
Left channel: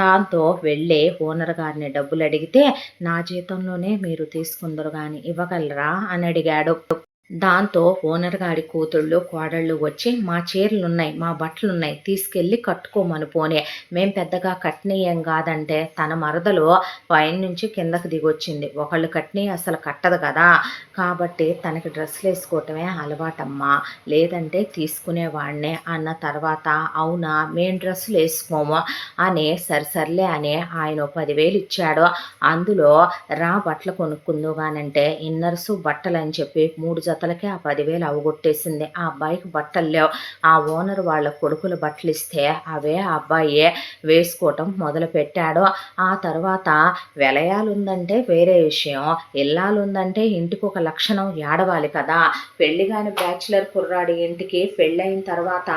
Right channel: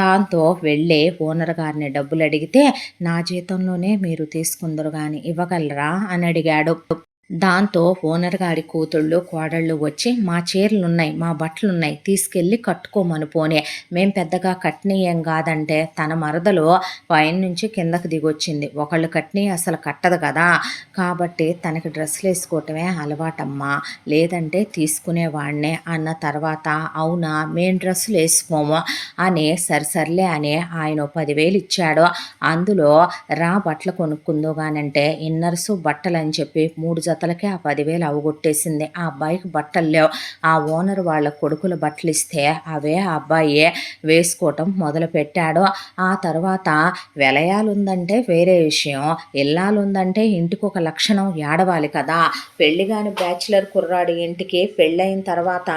దాంతో వెళ్ళి ఓనర్ గారిని డబ్బులు అడిగితే నా జీతంలోనే మీరు తీసుకుందరు కానీ ఇవ్వగలరా అని అడిగాడు. దాంతో ఓనర్ గారి కూతుళ్ళు, కోడళ్ళు వచ్చి "మా చీరలున్నాయి, మా బట్టలున్నాయి తీసుకెళ్ళి కట్టుకోమను పోనీ. మేం పెద్దగా కట్నియేం గాదంటే" తన మరదలు పైనుంచి కిందకి దిగొచ్చింది. ఒకళ్ళు కట్నియి అసలు కట్టదు గదా! కాబట్టి తనకి డ్రెస్సులేసుకోవటమే అలవాటమ్మా. లేదంటే తీసుకునేవాడినే అన్న తర్వాత అవునా! మేం డ్రెస్సులేసుకోము అని సర్లే అని ఆయన ఓ 10,000 ఇచ్చాడు. అందులో రా బట్టలు కొనుక్కుందువుగానంటే ఇన్నర్సు, బట్టలని చెప్పి 3 జతలకే ఆ 10,000 అవగొట్టేసింది. ఆ అబ్బాయికి బట్టలు లేవు. ఆ ఓనర్ వాళ్ళ కొడుకులు బట్టలిస్తే అవే ఆ అబ్బాయి వేసుకోవటం మొదలుపెట్టాడు. ఆ తర్వాత వెలయాలుందంటే వేరే విషయం. ఇల్లాలుందంటే ఇంటికొక లక్షణం ఏడవాలి కదా! పెళ్లి గాని బ్యాచిలర్ కుర్రాడి ఇంటికి పెళ్ళయిన తర్వాత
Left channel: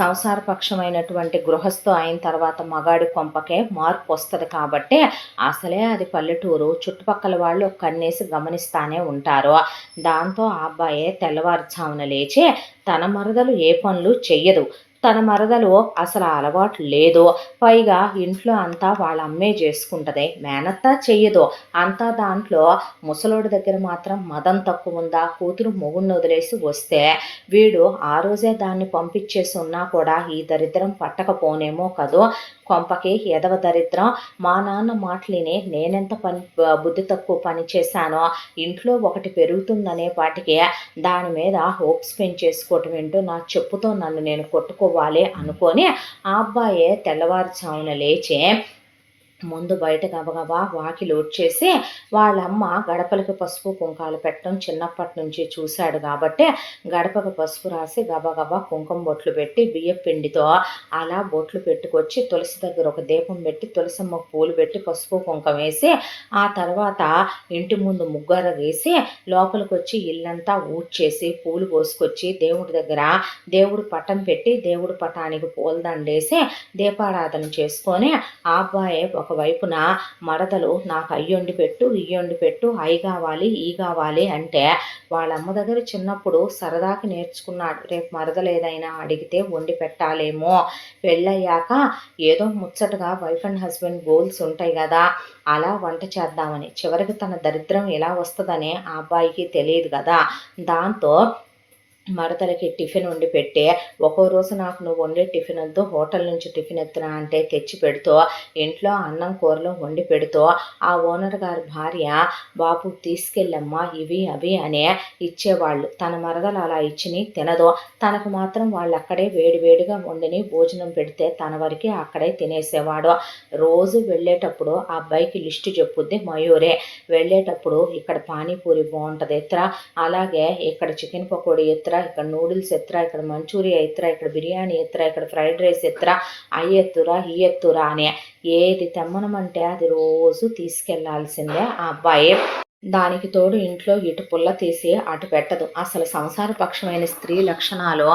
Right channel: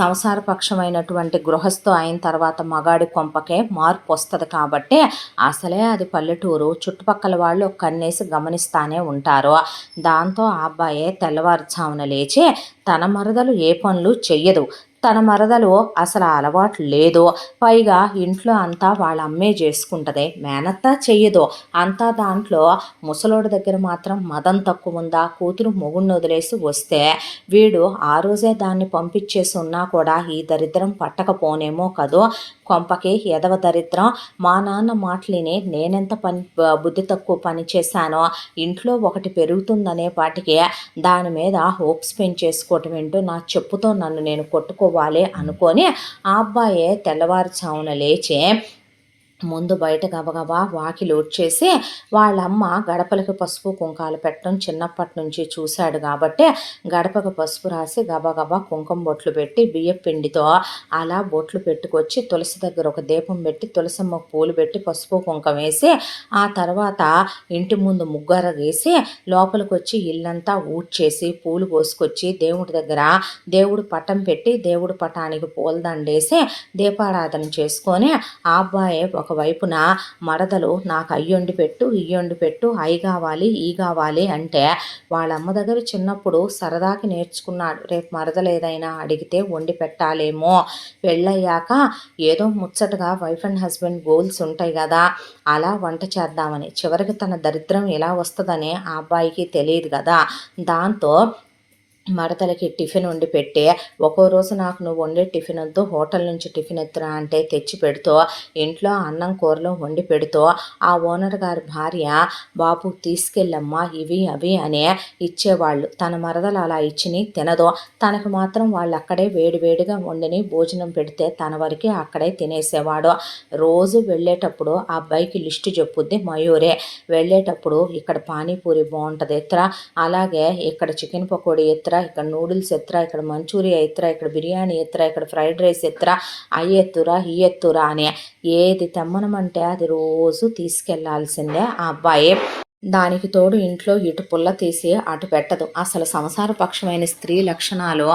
సంసారపక్షమైనటువంటి గృహస్థు అయిన తర్వాత మగాడి కొంపకే మార్పొస్తది కాబట్టి అసలే అది పల్లెటూరు. చుట్టుపక్కల వాళ్ళు కన్నేసి గమనిస్తానే ఉంటారు. దాంతో ఆ అబ్బాయే తెల్లవారుజామున లేచి తన మరదలు ఏ పనులు చెయ్యదు. తన మరదలు అసలు ఆ అలవాటు లేదు. పైగా ఇంట్లో అంతా వాళ్ళ అమ్మే జేసుకుంటది. మేనత్త చెయ్యదు. అంతా దాంట్లో ముసలోడి దగ్గర మాత్రం మదం తక్కువుందా? కూతురు మొగుడిని వదిలేసి వస్తే వీడు ఆ రోజే దాన్ని పంపించేసి ఉన్నా కూడా ఈ దరిద్రం పట్టకపోనేమో కదూ! కొంపకి ఎదవ దరిద్రం. మా నాన్న మాటలిని నేనెంత బుద్ధి తక్కువ పని చేశానో, ఇంట్లో ఒకటి పెరుగుతుందనే పాటికి దాని మీద హోప్స్ పెంచేసుకోవటం ఏంటో నా చెప్పుతో నన్ను నేను కొట్టుకోవాలి అనుకోని ఆ అబ్బాయే తెల్లవారుజామున లేచి ముందు బయట గబగబా వాకిలి ఊడ్చేసి వాళ్ళమ్మ గడపలకి పసుపు కుంకాలు పెట్టడం చిన్నప్పటి నుంచి చూశాడు కాబట్టి గడపకు పసుపు రాసి గబగబా కుంకుమ బొట్లు పెట్టి బియ్యపు పిండితో అలా బొట్లు పెట్టుకొచ్చి తులసి దగ్గర ఒక దీపం పెట్టి తులసమ్మ పూలు పెట్టి పసుపు కుంకం వేసి ఆ తర్వాత ఇంటి ముందు ముగ్గర వేసి లోపలికి వచ్చి ఇల్లంతా ఊడ్చేసి పూలు కోసుకొచ్చి దేవుడి దగ్గర దేవుడు పటం పెట్టి దేవుడి పటానికి పూలదండేసి దీపారాధన చేసుకొని ఆ అబ్బాయి ఒకవైపున మరదలు నాకు అయ్యొండి పెట్టు ఇయ్యొండి పెట్టు అయి కావాలి ఈ కావాలి అంటే వాళ్ళ అమ్మ దగ్గర చిన్నప్పుడు సరదాకి నేర్చుకున్నాడు. రేపు మరదలు ఏదైనా అడిగితే వండి పెట్టాలేమో. పెళ్ళయ్యాక ఏదో ముచ్చటగా వైఫ్ అండ్ హస్బెండ్ గోల్స్ ఉంటాయి కదా, అలా వంట చేద్దామని. చివరికి తన దరిద్రం ఎలా వస్తుందని ఆ అబ్బాయికి తెలియదు కదా. దాంతో మరదలకి టిఫిన్ వండి పెట్టి ఒక్కో రోజు నాకు నువ్వు వండే టిఫిన్ వద్దు హోటల్ నుంచి టిఫిన్ ఎత్తురా అంటే తెచ్చి పెడుతూ ఇంట్లో అన్నం కూరలో వండి పెడుతూ ఆ ఓనర్ గారి భార్య బాబు తీసుకెళ్ళమ్మా ఇవి అవి అనే ఇచ్చేవాళ్ళు. తన మరదలు అలా ఇచ్చిని తినదు. తనకు మాత్రం వాళ్ళు అక్కడే వేడివేడిగా వండిని భోజనం పెడితే తన వరకే అక్కడే తినేసేవాడు. రోజు వెళ్ళేటప్పుడు ఆ అబ్బాయికి లిస్టు చెప్పుద్ది మయూరే. వెళ్ళేటప్పుడు ఇక్కడ పానీపూరి బాగుంటుంది ఎత్తురా, అలాగే ఇక్కడ చికెన్ పకోడీ ఎత్తురా, ఇక్కడ నూడిల్స్ ఎత్తురా, ఇక్కడ మంచూరియా ఎత్తురా, ఇక్కడ బిర్యానీ ఎత్తురా, ఇక్కడ ఫ్రైడ్ రైస్ ఎత్తురా, అవి ఎత్తురా ఈ ఎత్తురా అని ఏది తెమ్మనమంటే అది రోజు తీసుకెళ్లాల్సిందే ఆ అబ్బాయి. దానికి తోడు ఇంట్లో ఇటు పుల్ల తీసి అటు పెట్టదు. అసలు సంసారపక్షమైన స్త్రీ లక్షణాలు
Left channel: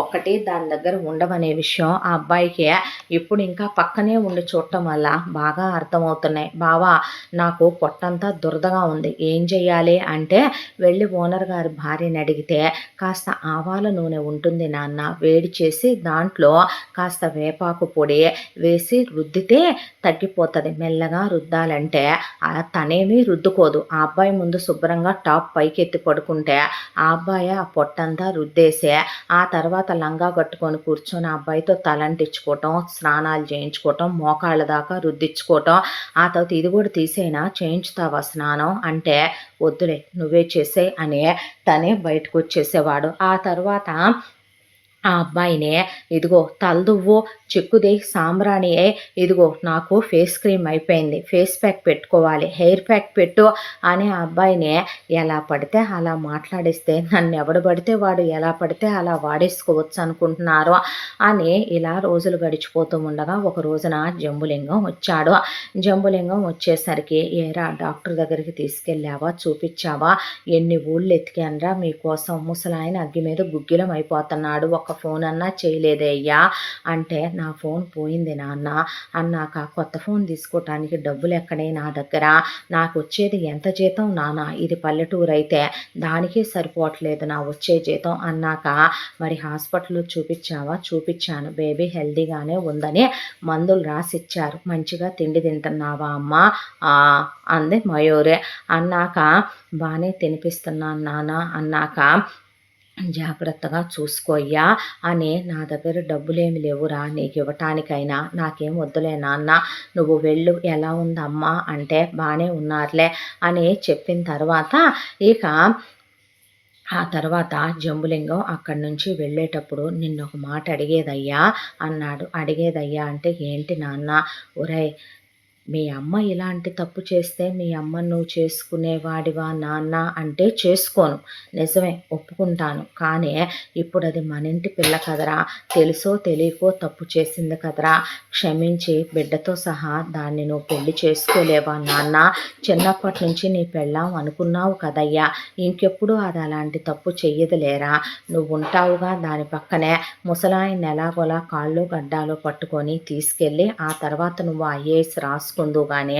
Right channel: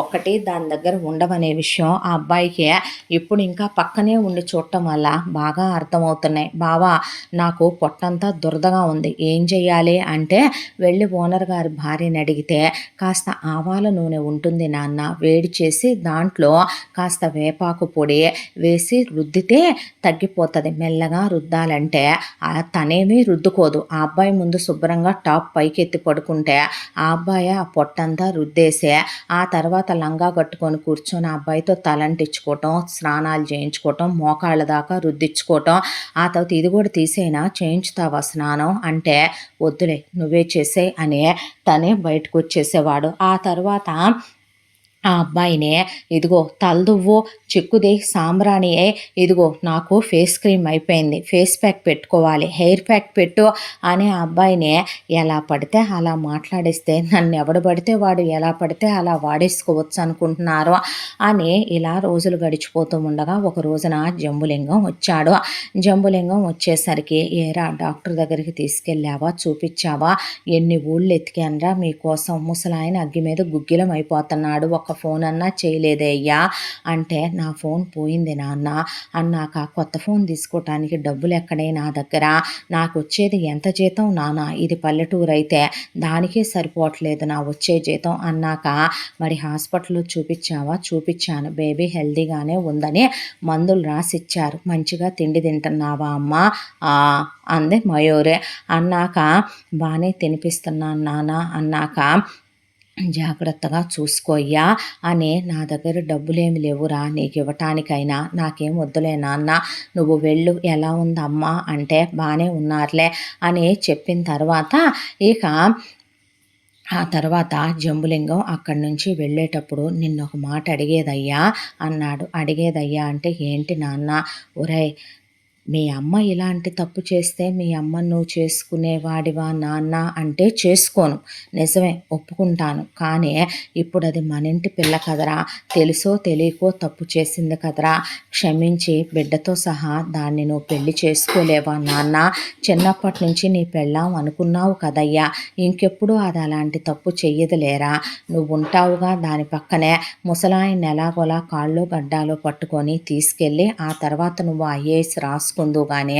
ఒక్కటి దాని దగ్గర ఉండవనే విషయం ఆ అబ్బాయికి ఇప్పుడు ఇంకా పక్కనే ఉండి చూడటం వల్ల బాగా అర్థమవుతున్నాయి. బావా నాకు పొట్టంతా దురదగా ఉంది, ఏం చెయ్యాలి అంటే వెళ్ళి ఓనర్ గారి భార్యని అడిగితే కాస్త ఆవాల నూనె ఉంటుంది నాన్న, వేడి చేసి దాంట్లో కాస్త వేపాకు పొడి వేసి రుద్దితే తగ్గిపోతుంది. మెల్లగా రుద్దాలంటే తనేమీ రుద్దుకోదు. ఆ అబ్బాయి ముందు శుభ్రంగా టాప్ పైకెత్తి పడుకుంటే ఆ అబ్బాయి ఆ పొట్టంతా రుద్దేసే ఆ తర్వాత లంగా కట్టుకొని కూర్చొని ఆ అబ్బాయితో తలంటించుకోవటం, స్నానాలు చేయించుకోవటం, మోకాళ్ళ దాకా రుద్దించుకోవటం. ఆ తర్వాత ఇది కూడా తీసేనా, చేయించుతావా స్నానం అంటే వద్దులే నువ్వే చేసే అని తనే బయటకు వచ్చేసేవాడు. ఆ తర్వాత ఆ అబ్బాయినే ఇదిగో తలదువ్వు, చిక్కుది సాంబ్రాణియే, ఇదిగో నాకు ఫేస్ క్రీమ్ అయిపోయింది, ఫేస్ ప్యాక్ పెట్టుకోవాలి, హెయిర్ ప్యాక్ పెట్టు అని ఆ అబ్బాయిని ఎలా పడితే అలా మాట్లాడిస్తే నన్ను ఎవడు పడితే వాడు ఎలా పడితే అలా వాడేసుకోవచ్చు అనుకుంటున్నారు అని ఇలా రోజులు గడిచిపోతూ ఉండగా ఒక రోజున జంబులింగం వచ్చాడు. జంబులింగం వచ్చేసరికి ఏరా డాక్టర్ దగ్గరికి తీసుకెళ్ళావా, చూపించావా, ఎన్ని ఊళ్ళు ఎతికానరా మీకోసం, ముసలాయన అగ్గి మీద గుగ్గిలం అయిపోతున్నాడు, ఒక్క ఫోన్ అన్నా చేయలేదే అయ్యా అంటే, నా ఫోన్ పోయింది నాన్న అన్నాక, కొత్త ఫోన్ తీసుకోవటానికి డబ్బులెక్కడే నా దగ్గర, నాకొచ్చేది ఎంత జీతం నాన్న, ఇది పల్లెటూరైతే దానికే సరిపోవట్లేదు నా వచ్చే జీతం అన్నాక, మరి హాస్పిటల్‌లో చూపిచ్చావా? చూపిచ్చాను. బేబీ హెల్తీగానే ఉందని మందులు రాసిచ్చారు. మంచిగా తిండి తింటున్నావా అమ్మా? ఆ! అంది మయూరి. అన్నాక, బానే తినిపిస్తున్నాను నాన్న అన్నాక, జాగ్రత్తగా చూసుకో అయ్యా అని, నా దగ్గర డబ్బులేమి లేవురా నీకివ్వటానికైనా, నాకేం వద్దులే నాన్న, నువ్వు వెళ్ళు, ఎలా ఉందమ్మా అంటే, బానే ఉన్నారులే అని చెప్పిన తర్వాత, ఇక ఆ తర్వాత జంబులింగం అక్కడి నుంచి వెళ్ళేటప్పుడు, నిన్నొక మాట అడిగేదయ్యా అన్నాడు. అడిగేదయ్యా అంటే, ఏంటి నాన్న? ఒరేయ్, మీ అమ్మ ఇలాంటి తప్పు చేస్తే మీ అమ్మని నువ్వు చేసుకునేవాడివా నాన్న అంటే, చేసుకోను, నిజమే ఒప్పుకుంటాను. కానీ ఇప్పుడు అది మన ఇంటి పిల్ల కదరా, తెలుసో తెలియకో తప్పు చేసింది కదరా, క్షమించి బిడ్డతో సహా దాన్ని నువ్వు పెళ్లి చేసుకోలేవా నాన్న? చిన్నప్పటి నుంచి నీ పెళ్ళాం అనుకున్నావు కదయ్యా, ఇంకెప్పుడు అది అలాంటి తప్పు చెయ్యదులేరా, నువ్వు ఉంటావుగా దాని పక్కనే, ముసలాయన్ని ఎలాగోలా కాళ్ళు గడ్డాలు పట్టుకొని తీసుకెళ్ళి, ఆ తర్వాత నువ్వు ఐఏఎస్ రాసుకుందువు గానీ,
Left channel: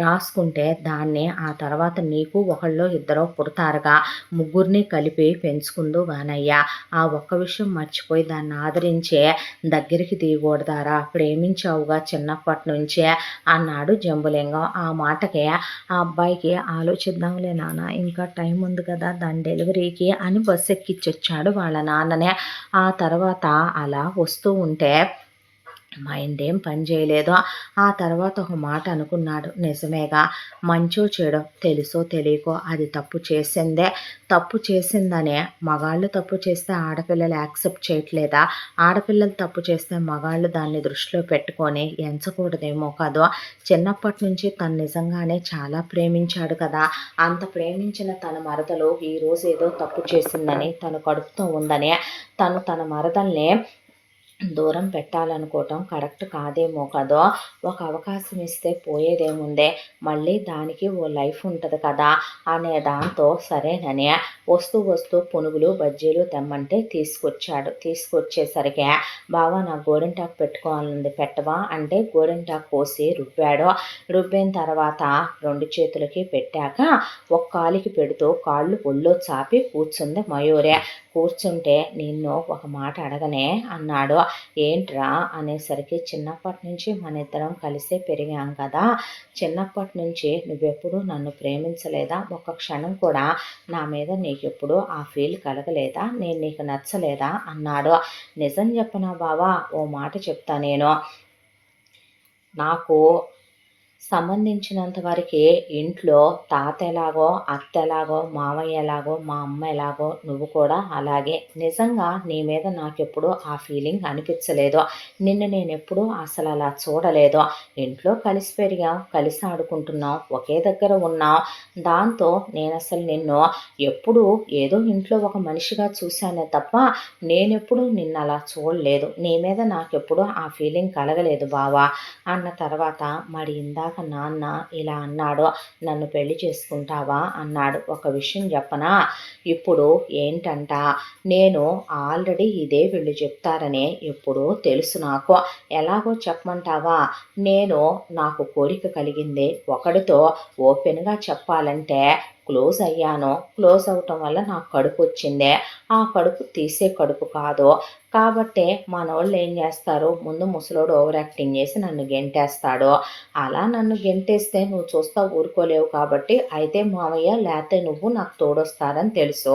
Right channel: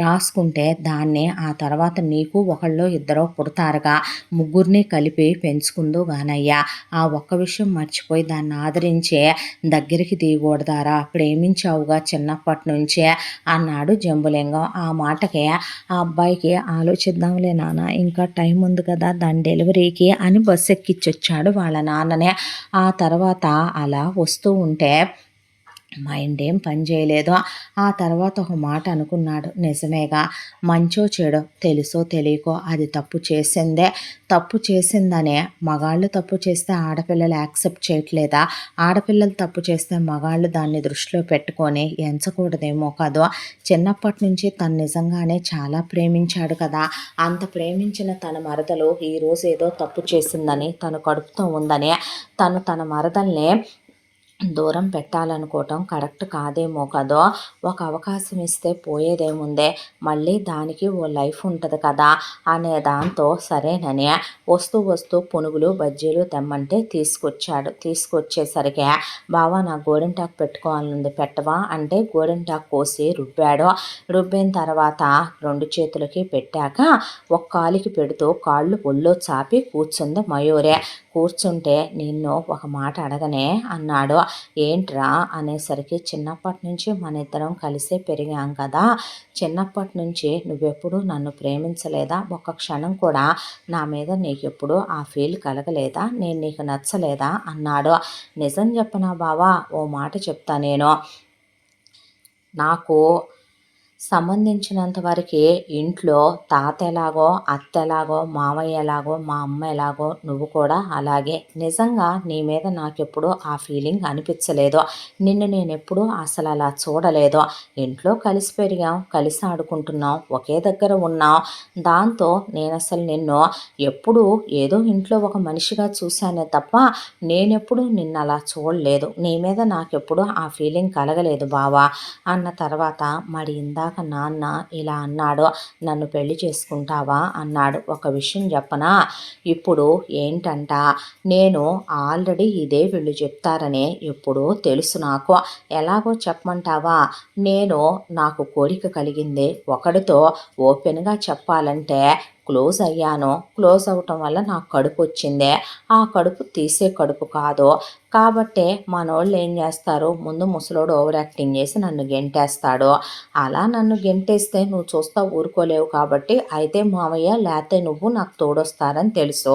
రాసుకుంటే దాన్ని ఆ తర్వాత నీకు ఒకళ్ళో ఇద్దరో పుడతారుగా, ముగ్గురిని కలిపి పెంచుకుందువు గానయ్యా, ఆ ఒక్క విషయం మర్చిపోయి దాన్ని ఆదరించే దగ్గరికి తీయకూడదారా, ప్రేమించావుగా చిన్నప్పటి నుంచే అన్నాడు జంబులింగం. ఆ మాటకి ఆ అబ్బాయికి, ఆలోచిద్దాంలే నాన్న, ఇంకా టైం ఉంది కదా దాని డెలివరీకి అని బస్సు ఎక్కించొచ్చాడు వాళ్ళ నాన్ననే. ఆ తర్వాత అలా వస్తూ ఉంటే మైండ్ ఏం పని చేయలేదు. ఆ తర్వాత ఒక మాట అనుకున్నాడు, నిజమేగా, మంచో చెడో తెలుసో తెలియకో అది తప్పు చేసిందే, తప్పు చేసిందనే మగాళ్ళు తప్పు చేస్తే ఆడపిల్లలు యాక్సెప్ట్ చేయట్లేదా, ఆడపిల్లలు తప్పు చేస్తే మగాళ్ళు దాన్ని దృష్టిలో పెట్టుకొని ఎంచకూడదేమో కదో, చిన్నప్పటి నుంచి తను నిజంగానే చాలా ప్రేమించాడు కదా, అంత ప్రేమించిన తన మరదలు ఈరోజు ఏదో తప్పు చేసిందని, తను కడుపుతో ఉందని, తను తన మరదల్ని దూరం పెట్టాలనుకోవటం కరెక్ట్ కాదేమో కదో, ఒక అవకాశం ఇస్తే పోయేదేముందే, మళ్ళీ దానికి ఓ లైఫ్ ఉంటుంది కదా అనే దాంతో సరేనని వస్తూ వస్తూ పునుగులు బజ్జీలు తెమ్మంటే తీసుకొచ్చాడు. తీసుకొచ్చేసరికి, బావా నాకు గోరింటాకు పెట్టుకోవాలనుంది పెట్టవా అంటే, గోరింటాకు కోసి రుబ్బాడు. రుబ్బిన తర్వాత రెండు చేతులకి పెట్టాక ఒక కాలికి పెడుతూ కాళ్ళు ఒళ్ళో చాపి కూర్చుంది మయూరి. కూర్చుంటే, నిన్ను ఒక మాట అడగనే అన్నాడు. ఏంట్రా అనేసరికి, చిన్నప్పటి నుంచి మన ఇద్దరం కలిసే పెరిగాం కదా, చిన్నప్పటి నుంచి నువ్వెప్పుడు నన్ను ప్రేమించలేదా, ఒక్క క్షణం కూడా నా మీద నీకెప్పుడు ఆ ఫీల్ కలగలేదా, నేను నీకు నచ్చలేదా అన్నాడు. నిజం చెప్పనా బావా, ఓ మాట చెప్తా నేను, నాకు సంబంధించినంత వరకే ఇంట్లో తాత ఎలాగో, అత్త ఎలాగో, మావయ్య ఎలాగో, మా అమ్మ ఎలాగో, నువ్వు కూడా అలాగే. నిజంగా నీ మీద నాకెప్పుడు ఆ ఫీలింగ్ అనిపించలేదు. నిన్ను నేనెప్పుడూ అసలు అలా చూడలేదు. ఇంట్లో కలిసి పెరిగాం, కలిసి ఆడుకుంటున్నాం, ఒకే దగ్గర ఉన్నాం. దాంతో నేనసలు నిన్ను ఎప్పుడూ ఏదో ఇంట్లో ఒక మనిషిగా చూశానే తప్ప, నేనెప్పుడూ నిన్ను అలా చూడలేదు. నీ మీద నాకెప్పుడు ఆ ఫీలింగ్ కలగలేదు బావా అన్న తర్వాత, మరి ఇందాక నాన్న ఇలా అన్నాడు, నన్ను పెళ్లి చేసుకుంటావా అన్నాడు. ఒక విషయం చెప్పనా, ఇప్పుడు ఏంటంట, నేను ఆల్రెడీ ఇదే వీళ్ళు చెప్తారని ఎప్పుడో తెలుసు నాకు. ఎలాగో చెప్పమంటావా, నాకు కోరిక కలిగింది ఒకడితో, ఓపెన్గా చెప్పాలంటే క్లోజ్ అయ్యాను. క్లోజ్ అవ్వటం వల్ల నాకు కడుపు వచ్చింది. ఆ కడుపు తీసే కడుపు కాదు. కాబట్టే మనోళ్ళు ఏం చేస్తారు, ముందు ముసలోడు ఓవర్ యాక్టింగ్ చేసి నన్ను గెంటేస్తాడు. అలా నన్ను గెంటేస్తే నువ్వు చూస్తా ఊరుకోలేవు కాబట్టి, అయితే మావయ్య లేతే నువ్వు నాకు తోడొస్తారని తెలుసు.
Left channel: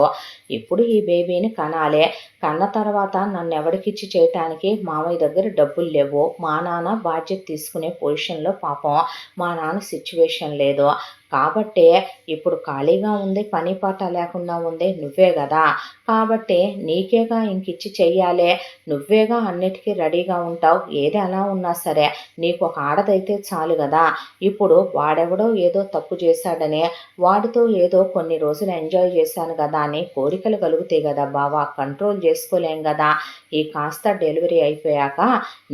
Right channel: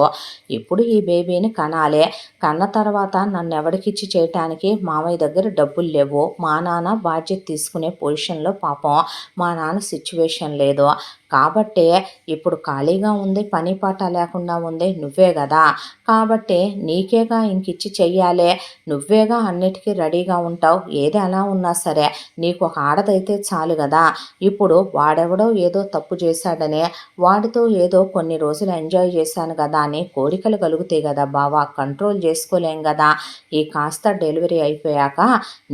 ఇప్పుడు ఈ బేబీని కనాలి. కన్న తర్వాత నన్ను ఎవరికిచ్చి చేయటానికి మావయ్య దగ్గర డబ్బులు లేవు. మా నాన్న బాధ్యత తీసుకునే పొజిషన్లో పాపం మా నాన్న సిచ్యువేషన్ లేదు. కాబట్టే ఇప్పుడు ఖాళీగా ఉంది, పని పాట లేకుండా ఉంది నువ్వే కదా, కాబట్టి నీకేగా ఇంకిచ్చి చెయ్యాలి, నువ్వేగా అన్నిటికీ రెడీగా ఉంటావు, ఏది ఎలా ఉన్నా సరే నీకు ఒక ఆడదైతే చాలు కదా. ఇప్పుడు వాడెవడో ఏదో తప్పు చేశాడని, వాడితో ఏదో కొన్ని రోజులు ఎంజాయ్ చేశాను కదా అని కోరికలు కలుగుతాయి కదా బావా, కంట్రోల్ చేసుకోలేం కదా. ఈ కాస్త డెలివరీ అయిపోయాక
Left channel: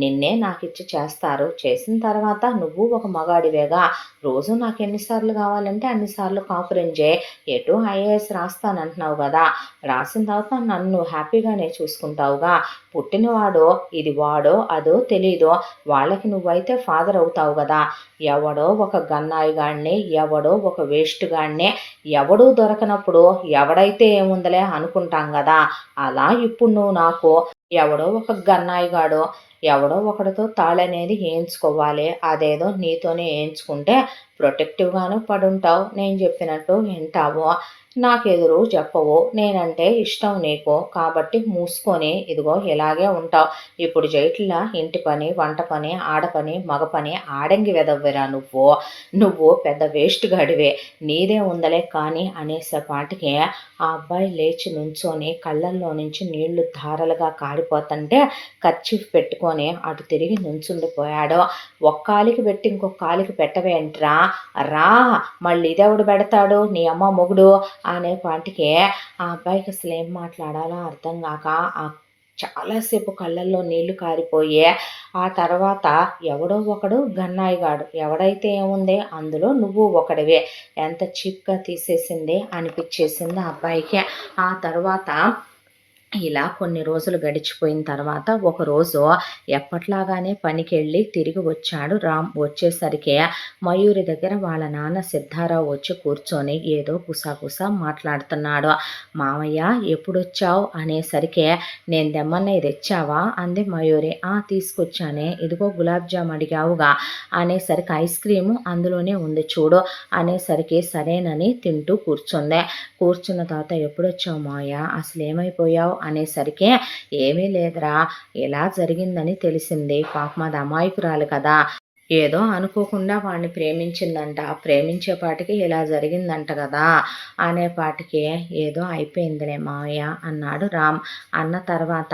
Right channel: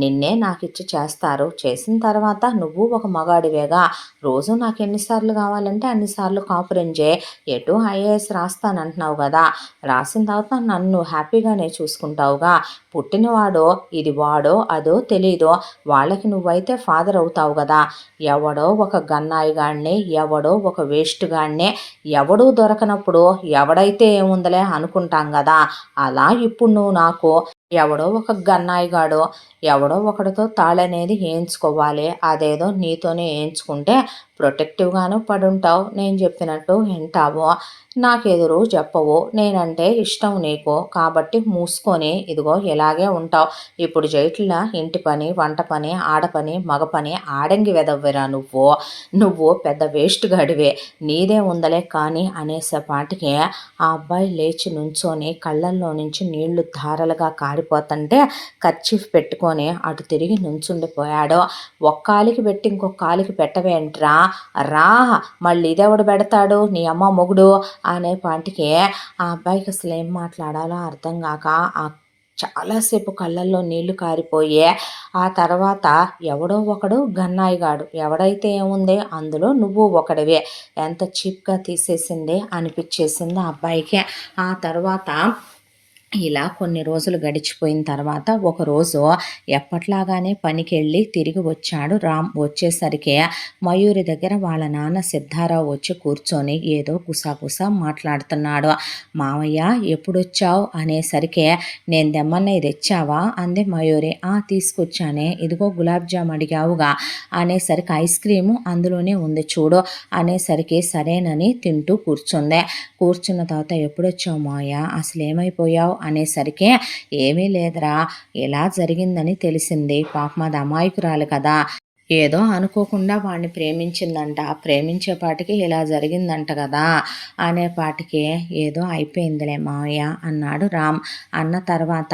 నిన్నే నాకిచ్చి చేస్తారు. చేసిన తర్వాత నువ్వు ఒక మగాడివేగా, రోజు నాకు ఎన్నిసార్లు కావాలంటే అన్నిసార్లు కాపురం చేయి. ఎటు ఐఏఎస్ రాస్తానంటున్నావు గదా! రాసిన తర్వాత నన్ను హ్యాపీగానే చూసుకుంటావుగా. పుట్టినవాడో, ఇది వాడో, అదో తెలీదో వాళ్ళకి నువ్వైతే ఫాదర్ అవుతావు గదా! ఎవడో ఒక గన్నాయిగాడిని, ఎవడో ఒక వేస్ట్ గాడిని, ఎవడూ దొరకనప్పుడు ఎవడైతే ఏముందిలే అనుకుంటాం గదా! అలా ఇప్పుడు నువ్వు నాకు ఎవడో ఒక గన్నాయిగాడో, ఎవడో ఒకడితో తాళనేది ఏయించుకోవాలి. అదేదో నీతోనే ఏయించుకుంటే ప్రొటెక్టివ్‌గాను పడుంటావు. నేను చెప్పినట్టు వింటావు. నాకెదురు చెప్పవు. నేనంటే ఇష్టం నీకు. కాబట్టి మూసుకొని ఇదిగో ఇలాగే ఉంటావు. ఇప్పుడు చేయట్లా ఇంటి పని, వంట పని, ఆడ పని, మగ పని, ఆడంగి వెధవవిరా నువ్వు. నువ్వు పెద్ద వేస్ట్ గాడివే. నీదే ఉందలే కానీ అనేసేపాటికి ఆ అబ్బాయి లేచి నుంచొని కళ్ళల్లో నుంచి నీళ్లు ధారలుగా కారిపోతుంటే కర్చీఫ్ పెట్టుకొని అటు తిరిగి నుంచుండిపోయాడు. ఒక్కాలికి పెట్టి ఇంకొక కాలికి పెట్టవేంట్రా? రా మళ్ళీ ఇదెవడు పెడతాడు నీ అమ్మ మొగుడు అనేపాటికి ఆ అబ్బాయికి అసలు ఏం మాట్లాడాలో అర్థం కాక చాలాసేపు కళ్ళల్లో నీళ్లు కారిపోయి ఆ తర్వాత ఎవడో ఒకడు గన్నాయిగాడు ఎవడైతే ఏముంది అందులో నువ్వు ఒకడివే ఎంత చీప్గా తీసేసింది అనిపించేసింది ఆ అబ్బాయికి. ఆ తర్వాత ఇలా కొన్ని రోజులు గడిచిపోయిన తర్వాత ఒకరోజు ఎప్పట్లాగానే పనికెళ్ళి తిరిగి వచ్చాడు రామ్. వచ్చేసరికి మయూరి దగ్గర వాళ్ళ నాన్న సిద్ధారావు వచ్చి కూర్చొని ఏదో గుసగుస మాట్లాడుతున్నాడు. మావయ్య ఎప్పుడొచ్చావు అనేసరికి నేను తెమ్మన్నవి తెచ్చావా అంది మయూరి. తీసుకొచ్చానే ఇదిగో గులాబ్ జామ్ అడిగావుగా అనేసరికి ఐస్ క్రీము అందులోనే ఉంది చూడు అనేసరికి సరేనని తింటూ కూర్చుంది. కూర్చున్న తర్వాత ఎప్పుడొచ్చావు మావయ్య అసలు ఏమైపోయావు అనేసరికి ఏమీ లేదురా ఇలా జరిగిందని తెలిసింది. పాపం అది అమాయకురాలు కదా ఏదో అనుకోకుండా వాడిని ప్రేమించిందంట. ప్రేమించేపాటికి ఇలా జరిగిందంట కదా అనేపాటికి ఏదో అయిపోయిందిలే మావయ్య అన్నాడు రామ్. అన్న తర్వాత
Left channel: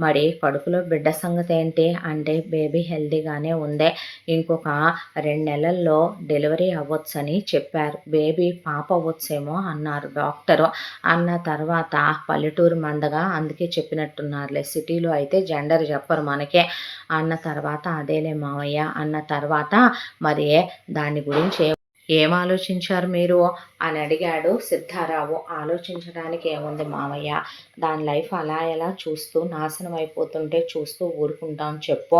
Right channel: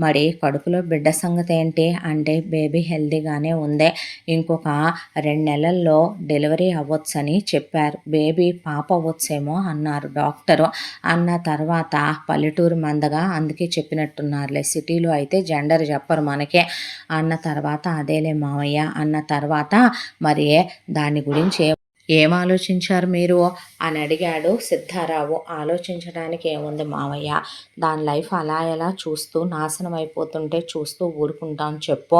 మరి కడుపులో బిడ్డ సంగతి ఏంటి అంటే బేబీ హెల్తీగానే ఉంది. ఇంకొక 2 నెలల్లో డెలివరీ అవ్వచ్చని చెప్పారు. బేబీ పాప అవ్వచ్చేమో అన్నారు డాక్టరు. అన్న తర్వాత పల్లెటూరు మందగా అందుకే చెప్పినట్టున్నారులే సిటీలో అయితే జెండర్ చెప్పరు మనకే అన్న తర్వాత అదేలే మావయ్య అన్న తర్వాత మరి దాని గురించి ఏం ఆలోచించారు మీరు అని అడిగాడు సిద్ధారావు. ఆలోచించడానికి ఏముంది మావయ్య దాని లైఫ్ అలా ఎలా చూస్తూ నాశనం అయిపోతుంటే చూస్తూ ఊరుకుంటాం చెప్పు.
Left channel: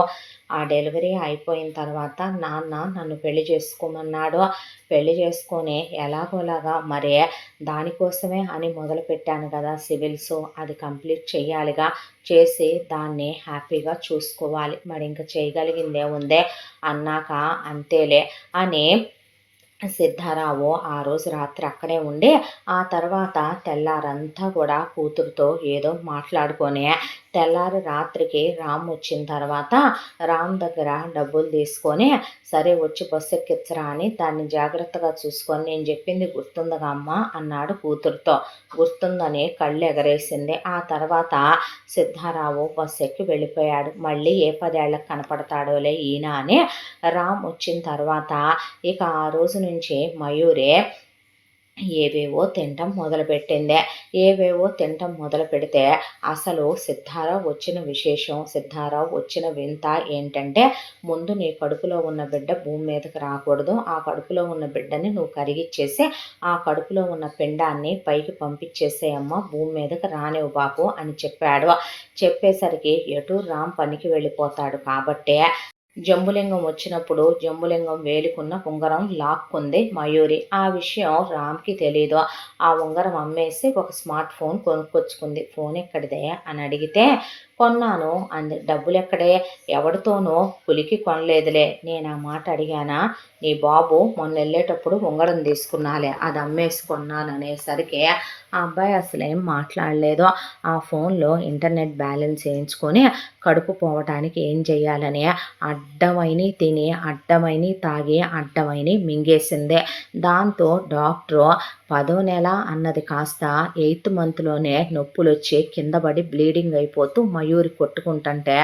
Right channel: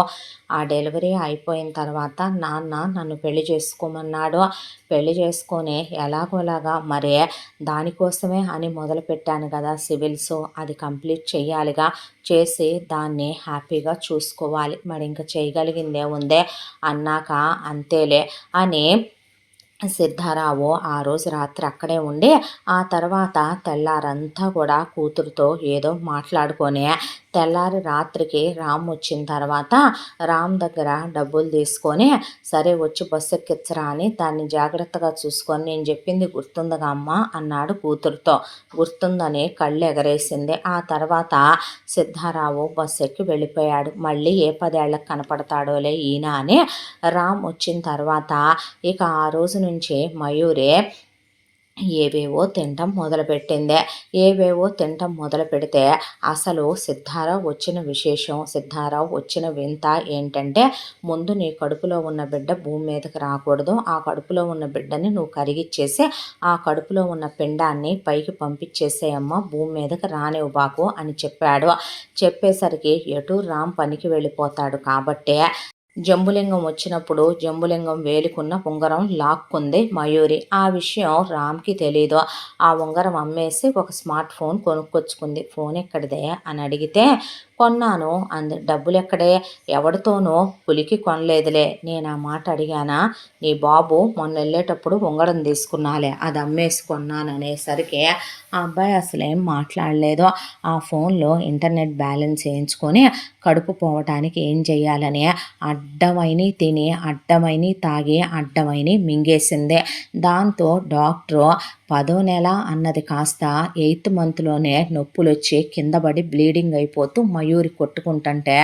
ఆ డెలివరీ అయిపోయిన తర్వాత నాన్న నన్ను పెళ్లి చేసుకోమన్నాడు. పెళ్లి చేసుకొని ఎలాగోలాగా మరే దానికోసమే అని మొదలుపెట్టాను కదా సివిల్స్ అది కంప్లీట్ చేయాలిగా. చేసి దాన్ని హ్యాపీగా చూసుకోవాలి. మరి ఇంకా చేయగలిగిందే ఉందే అన్నాక అంతేలే అని సిద్ధారావు ఆ రోజు రాత్రి అక్కడే ఉండి ఆ తర్వాత తెల్లారంతా కూడా కూతురుతో ఏదో మాట్లాడుకొని తెల్లారి రాత్రికి రామ్ వచ్చిన తర్వాత రామ్ దగ్గర డబ్బులు తీసుకొని సరే వచ్చి బస్సు ఎక్కించరా అని దాన్ని జాగ్రత్తగా చూసుకొని నేను చెప్పింది గుర్తుందిగా అమ్మ అన్నాడు కూతురుతో. గుర్తుందని కళ్ళు ఎగరేసింది. ఆ తర్వాత సిద్ధారావు బస్సు ఎక్కి వెళ్ళిపోయాడు. మళ్ళీ ఏ 10 ఏళ్ళకి కనపడతాడోలే ఈయన అని రామ్ వచ్చిన తర్వాత ఇక ఆ రోజు నుంచి మయూరి ఏవేవో తినటం మొదలుపెట్టింది. ఏవేవో తినటం మొదలు పెడితే అసలు సిద్ధారావు వచ్చిన విశేషం సిద్ధారావు వచ్చిన వింత ఏంటంటే ముందు నీ కడుపులో ఉన్న బిడ్డ భూమి మీదకి రాకూడదు. ఆ కడుపులో ఉన్న బిడ్డని నువ్వు కరిగిచ్చేసి ఆ కడుపులో ఉన్న పిండాన్ని పైకి పంపించేసేయమ్మ భూమి మీదకి రానివ్వు బాకు అని చెప్పాడు. చెప్పేసరికి ఎటు రామ్ పనికి వెళ్ళిపోతాడు కాబట్టే జంబులింగం వచ్చినప్పుడు జంబులింగం వేలుకున్న ఉంగరం లాక్కుంది మయూరి. ఆ విషయం రామ్కి తెలీదు. ఆ ఉంగరం అమ్మేసి ఒక స్మార్ట్ ఫోన్ కొనుక్కొచ్చుకుంది. ఫోన్ ఎక్కడిదే అని అడిగితే కొన్నాను అంది. డబ్బులెక్కడే ఎవడితోనో పులికి కొనలేదులే. నేను ఆ మాట అడిగానా నీ బాబు మొన్న వెళ్ళేటప్పుడు ఉంగరం తీసుకున్నాలే అది అమ్మేసి కొన్నాను అనేసరికి ఆ అబ్బాయి అసలేం మాట్లాడలేదు. ఆ ఫోన్లో ఇంటర్నెట్ బ్యాలెన్స్ వేయించుకొని కడుపు పోవటానికి ఏం చేయాలని అడ్డమైని తిని అడ్డమైని తాగి అడ్డమైని మింగేసిందే. దాంతో డాక్టరు 10వ నెల అన్నది కాస్త 8th మంత్లోనే నొప్పులు వచ్చి కింద పడి బ్లీడింగ్ అయిపోతూ మయూరి కొట్టుకుంటుంటే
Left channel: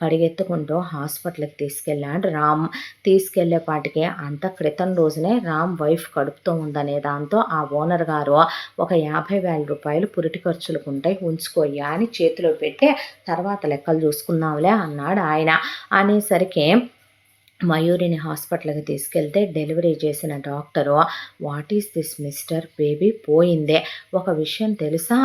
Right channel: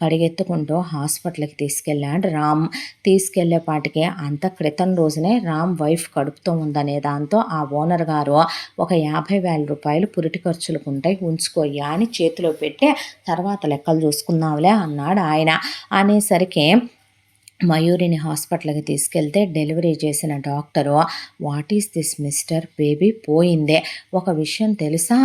పరిగెత్తుకుంటూ హాస్పిటల్కి తీసుకెళ్ళాడు రామ్. తీసుకెళ్లేపాటికి అంత క్రితం రోజునే రామ్ వైఫ్ కడుపుతో ఉందనే దాంతో ఆ ఓనర్ గారు ఒక 50,000 రూపాయలు పురిటి ఖర్చులకు ఉంటాయి ఉంచుకోయ్యా అని చేతిలో పెట్టి తర్వాత లెక్కలు చూసుకుందాంలే అన్నాడు ఆయన. అనేసరికి మయూరిని హాస్పిటల్‌కి తీసుకెళ్తే డెలివరీ చేసిన doctor, "what is this mister? Baby పోయిందే. ఒక విషయం తెలుసా?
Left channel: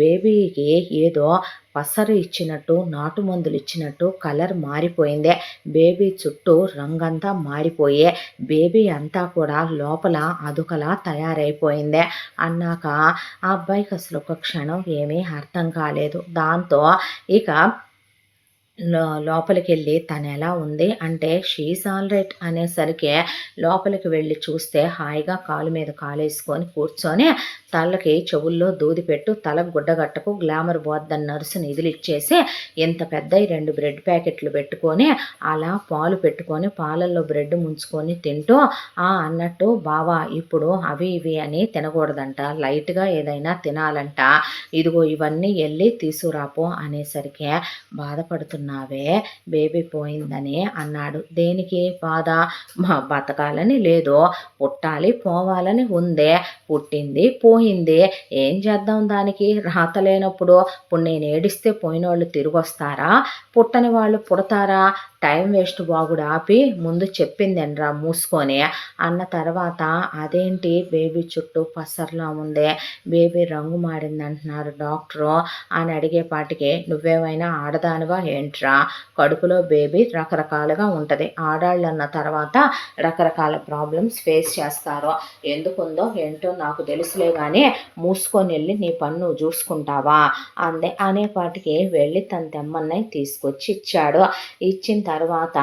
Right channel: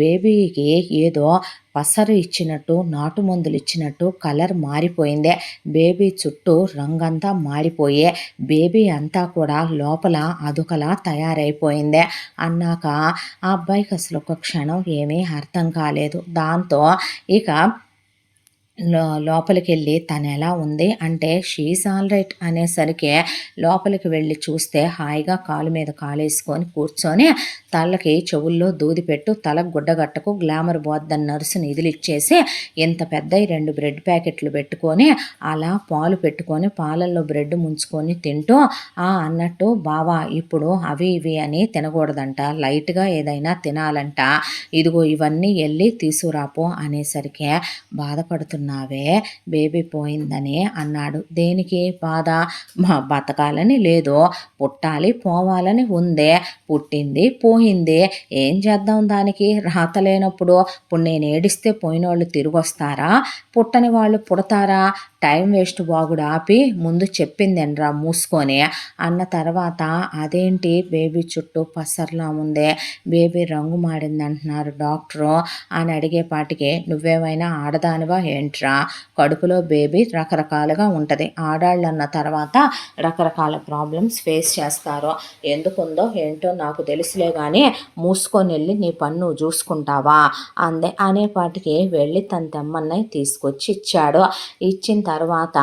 బేబీకి ఏదో పసరు ఇచ్చినట్టు, నాటు మందులిచ్చినట్టు కలర్ మారిపోయిందే. బేబీ చుట్టూ రంగంతా మారిపోయి, బేబీ అంతా కూడా లోపల అదొకలా తయారైపోయిందే" అన్నాక ఆ అబ్బాయికి అసలు ఒక క్షణం ఏమీ అర్థం కాలేదు. దాంతో ఇక లోపలికెళ్ళి తనెలా ఉంది అంటే షీ ఈజ్ ఆల్ రైట్ అనేసరికే లోపలికి వెళ్ళి చూస్తే హాయిగా కాలు మీద కాలేసుకొని కూర్చొని తలకి చెవుల్లో దూది పెట్టు, తలకు గుడ్డగట్టకు, గ్లామర్ పోద్దని నర్సుని ఇదిలిచ్చేసి ఇంత పెద్దయి 2 బ్రెడ్ ప్యాకెట్లు పెట్టుకొని అలా పాలు పెట్టుకొని పాలల్లో బ్రెడ్ ముంచుకొని తింటూ అన్నట్టు బావ ఇప్పుడు అవి ఇవి అని తినకూడదంట. లైట్‌గా ఏదైనా తినాలంట. ఇదిగో ఇవన్నీ ఎళ్లి తీసుకురాపో అనేసరికే బాధపడుతున్నావే బేబీ పోయిందని అన్నాడు. దేనికి బాధ? బతకాలని లేదు, పుట్టాలి పోవాలని ఉందే. పుట్టింది పోయింది. ఏం చేద్దాం దానికి? రాత లేనప్పుడు ఇప్పుడు నేను ఏడిస్తే పోయినోళ్ళు తిరిగొస్తారా? పుట్టని వాళ్ళు పుడతారా? టైం వేస్ట్ బాగుడు ఆపి ముందు చెప్పిందేనరా మూసుకొని అన్న తర్వాత అదేంటి బేబీ చుట్టూ పసర్లా ఉందే, బేబీ రంగు మారిందంటున్నారు డాక్టరు అని అడిగేపాటికి నువ్వేమైనా ఆడదానివా ఏంట్రా? కడుపులో బేబీ రకరకాలుగా ఉంటది. ఆడాళ్ళన్న తర్వాత రకరకాల ప్రాబ్లమ్స్ ఫేస్ చేస్తారు. ఎందుకుందో ఏంటో నాకు తెలుసులే గానీ మూసుకొనెళ్ళి నీ పని నువ్వు చూసుకుంటావా అందే. అనేపాటికి వెళ్ళి తన తెమ్మన్నయి తీసుకొచ్చి ఇచ్చాడు. ఇచ్చిన తర్వాత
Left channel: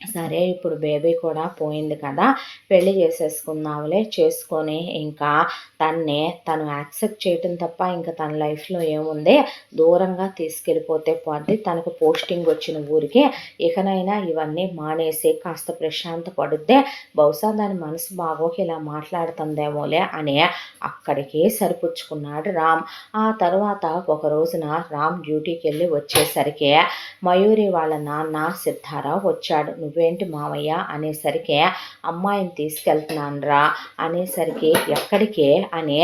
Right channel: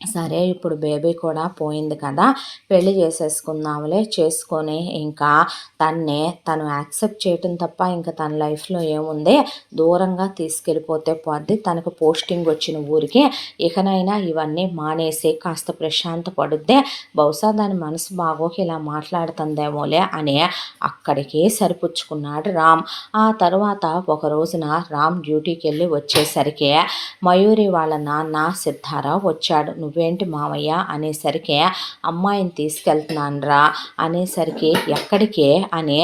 సరే ఇప్పుడు బేబీ కూడా పోయింది కదా, పెళ్లి చేసేసుకుందాంలే. చేసుకొని ఇంకా తను యాక్సెప్ట్ చేయటం తప్ప ఇంకా తన లైఫ్‌లో ఏముంది, దూరంగా తీసుకెళ్ళిపోతే పోద్ది. తనకు పోస్టింగ్ వచ్చిన ఊరికి ఇకనైనా ఇవన్నీ మానేసి కాస్త ప్రశాంత పడుద్ది. బహుశా దాని మనసు బాగోక ఇలా మాట్లాడుతుందేమోలే అని అక్కడికే సరిపుచ్చుకున్నాడు రామ్. ఆ తర్వాత ఒక రోజున రామ్ డ్యూటీకెళ్ళి వచ్చేసరికి మయూరి వాళ్ళ నాన్న సిద్ధారావు వచ్చాడు. నువ్వేంటి మావయ్య అనేసరికి అమ్మాయిని తీసుకెళ్తున్నానురా అనేసరికి ఎక్కడికే అని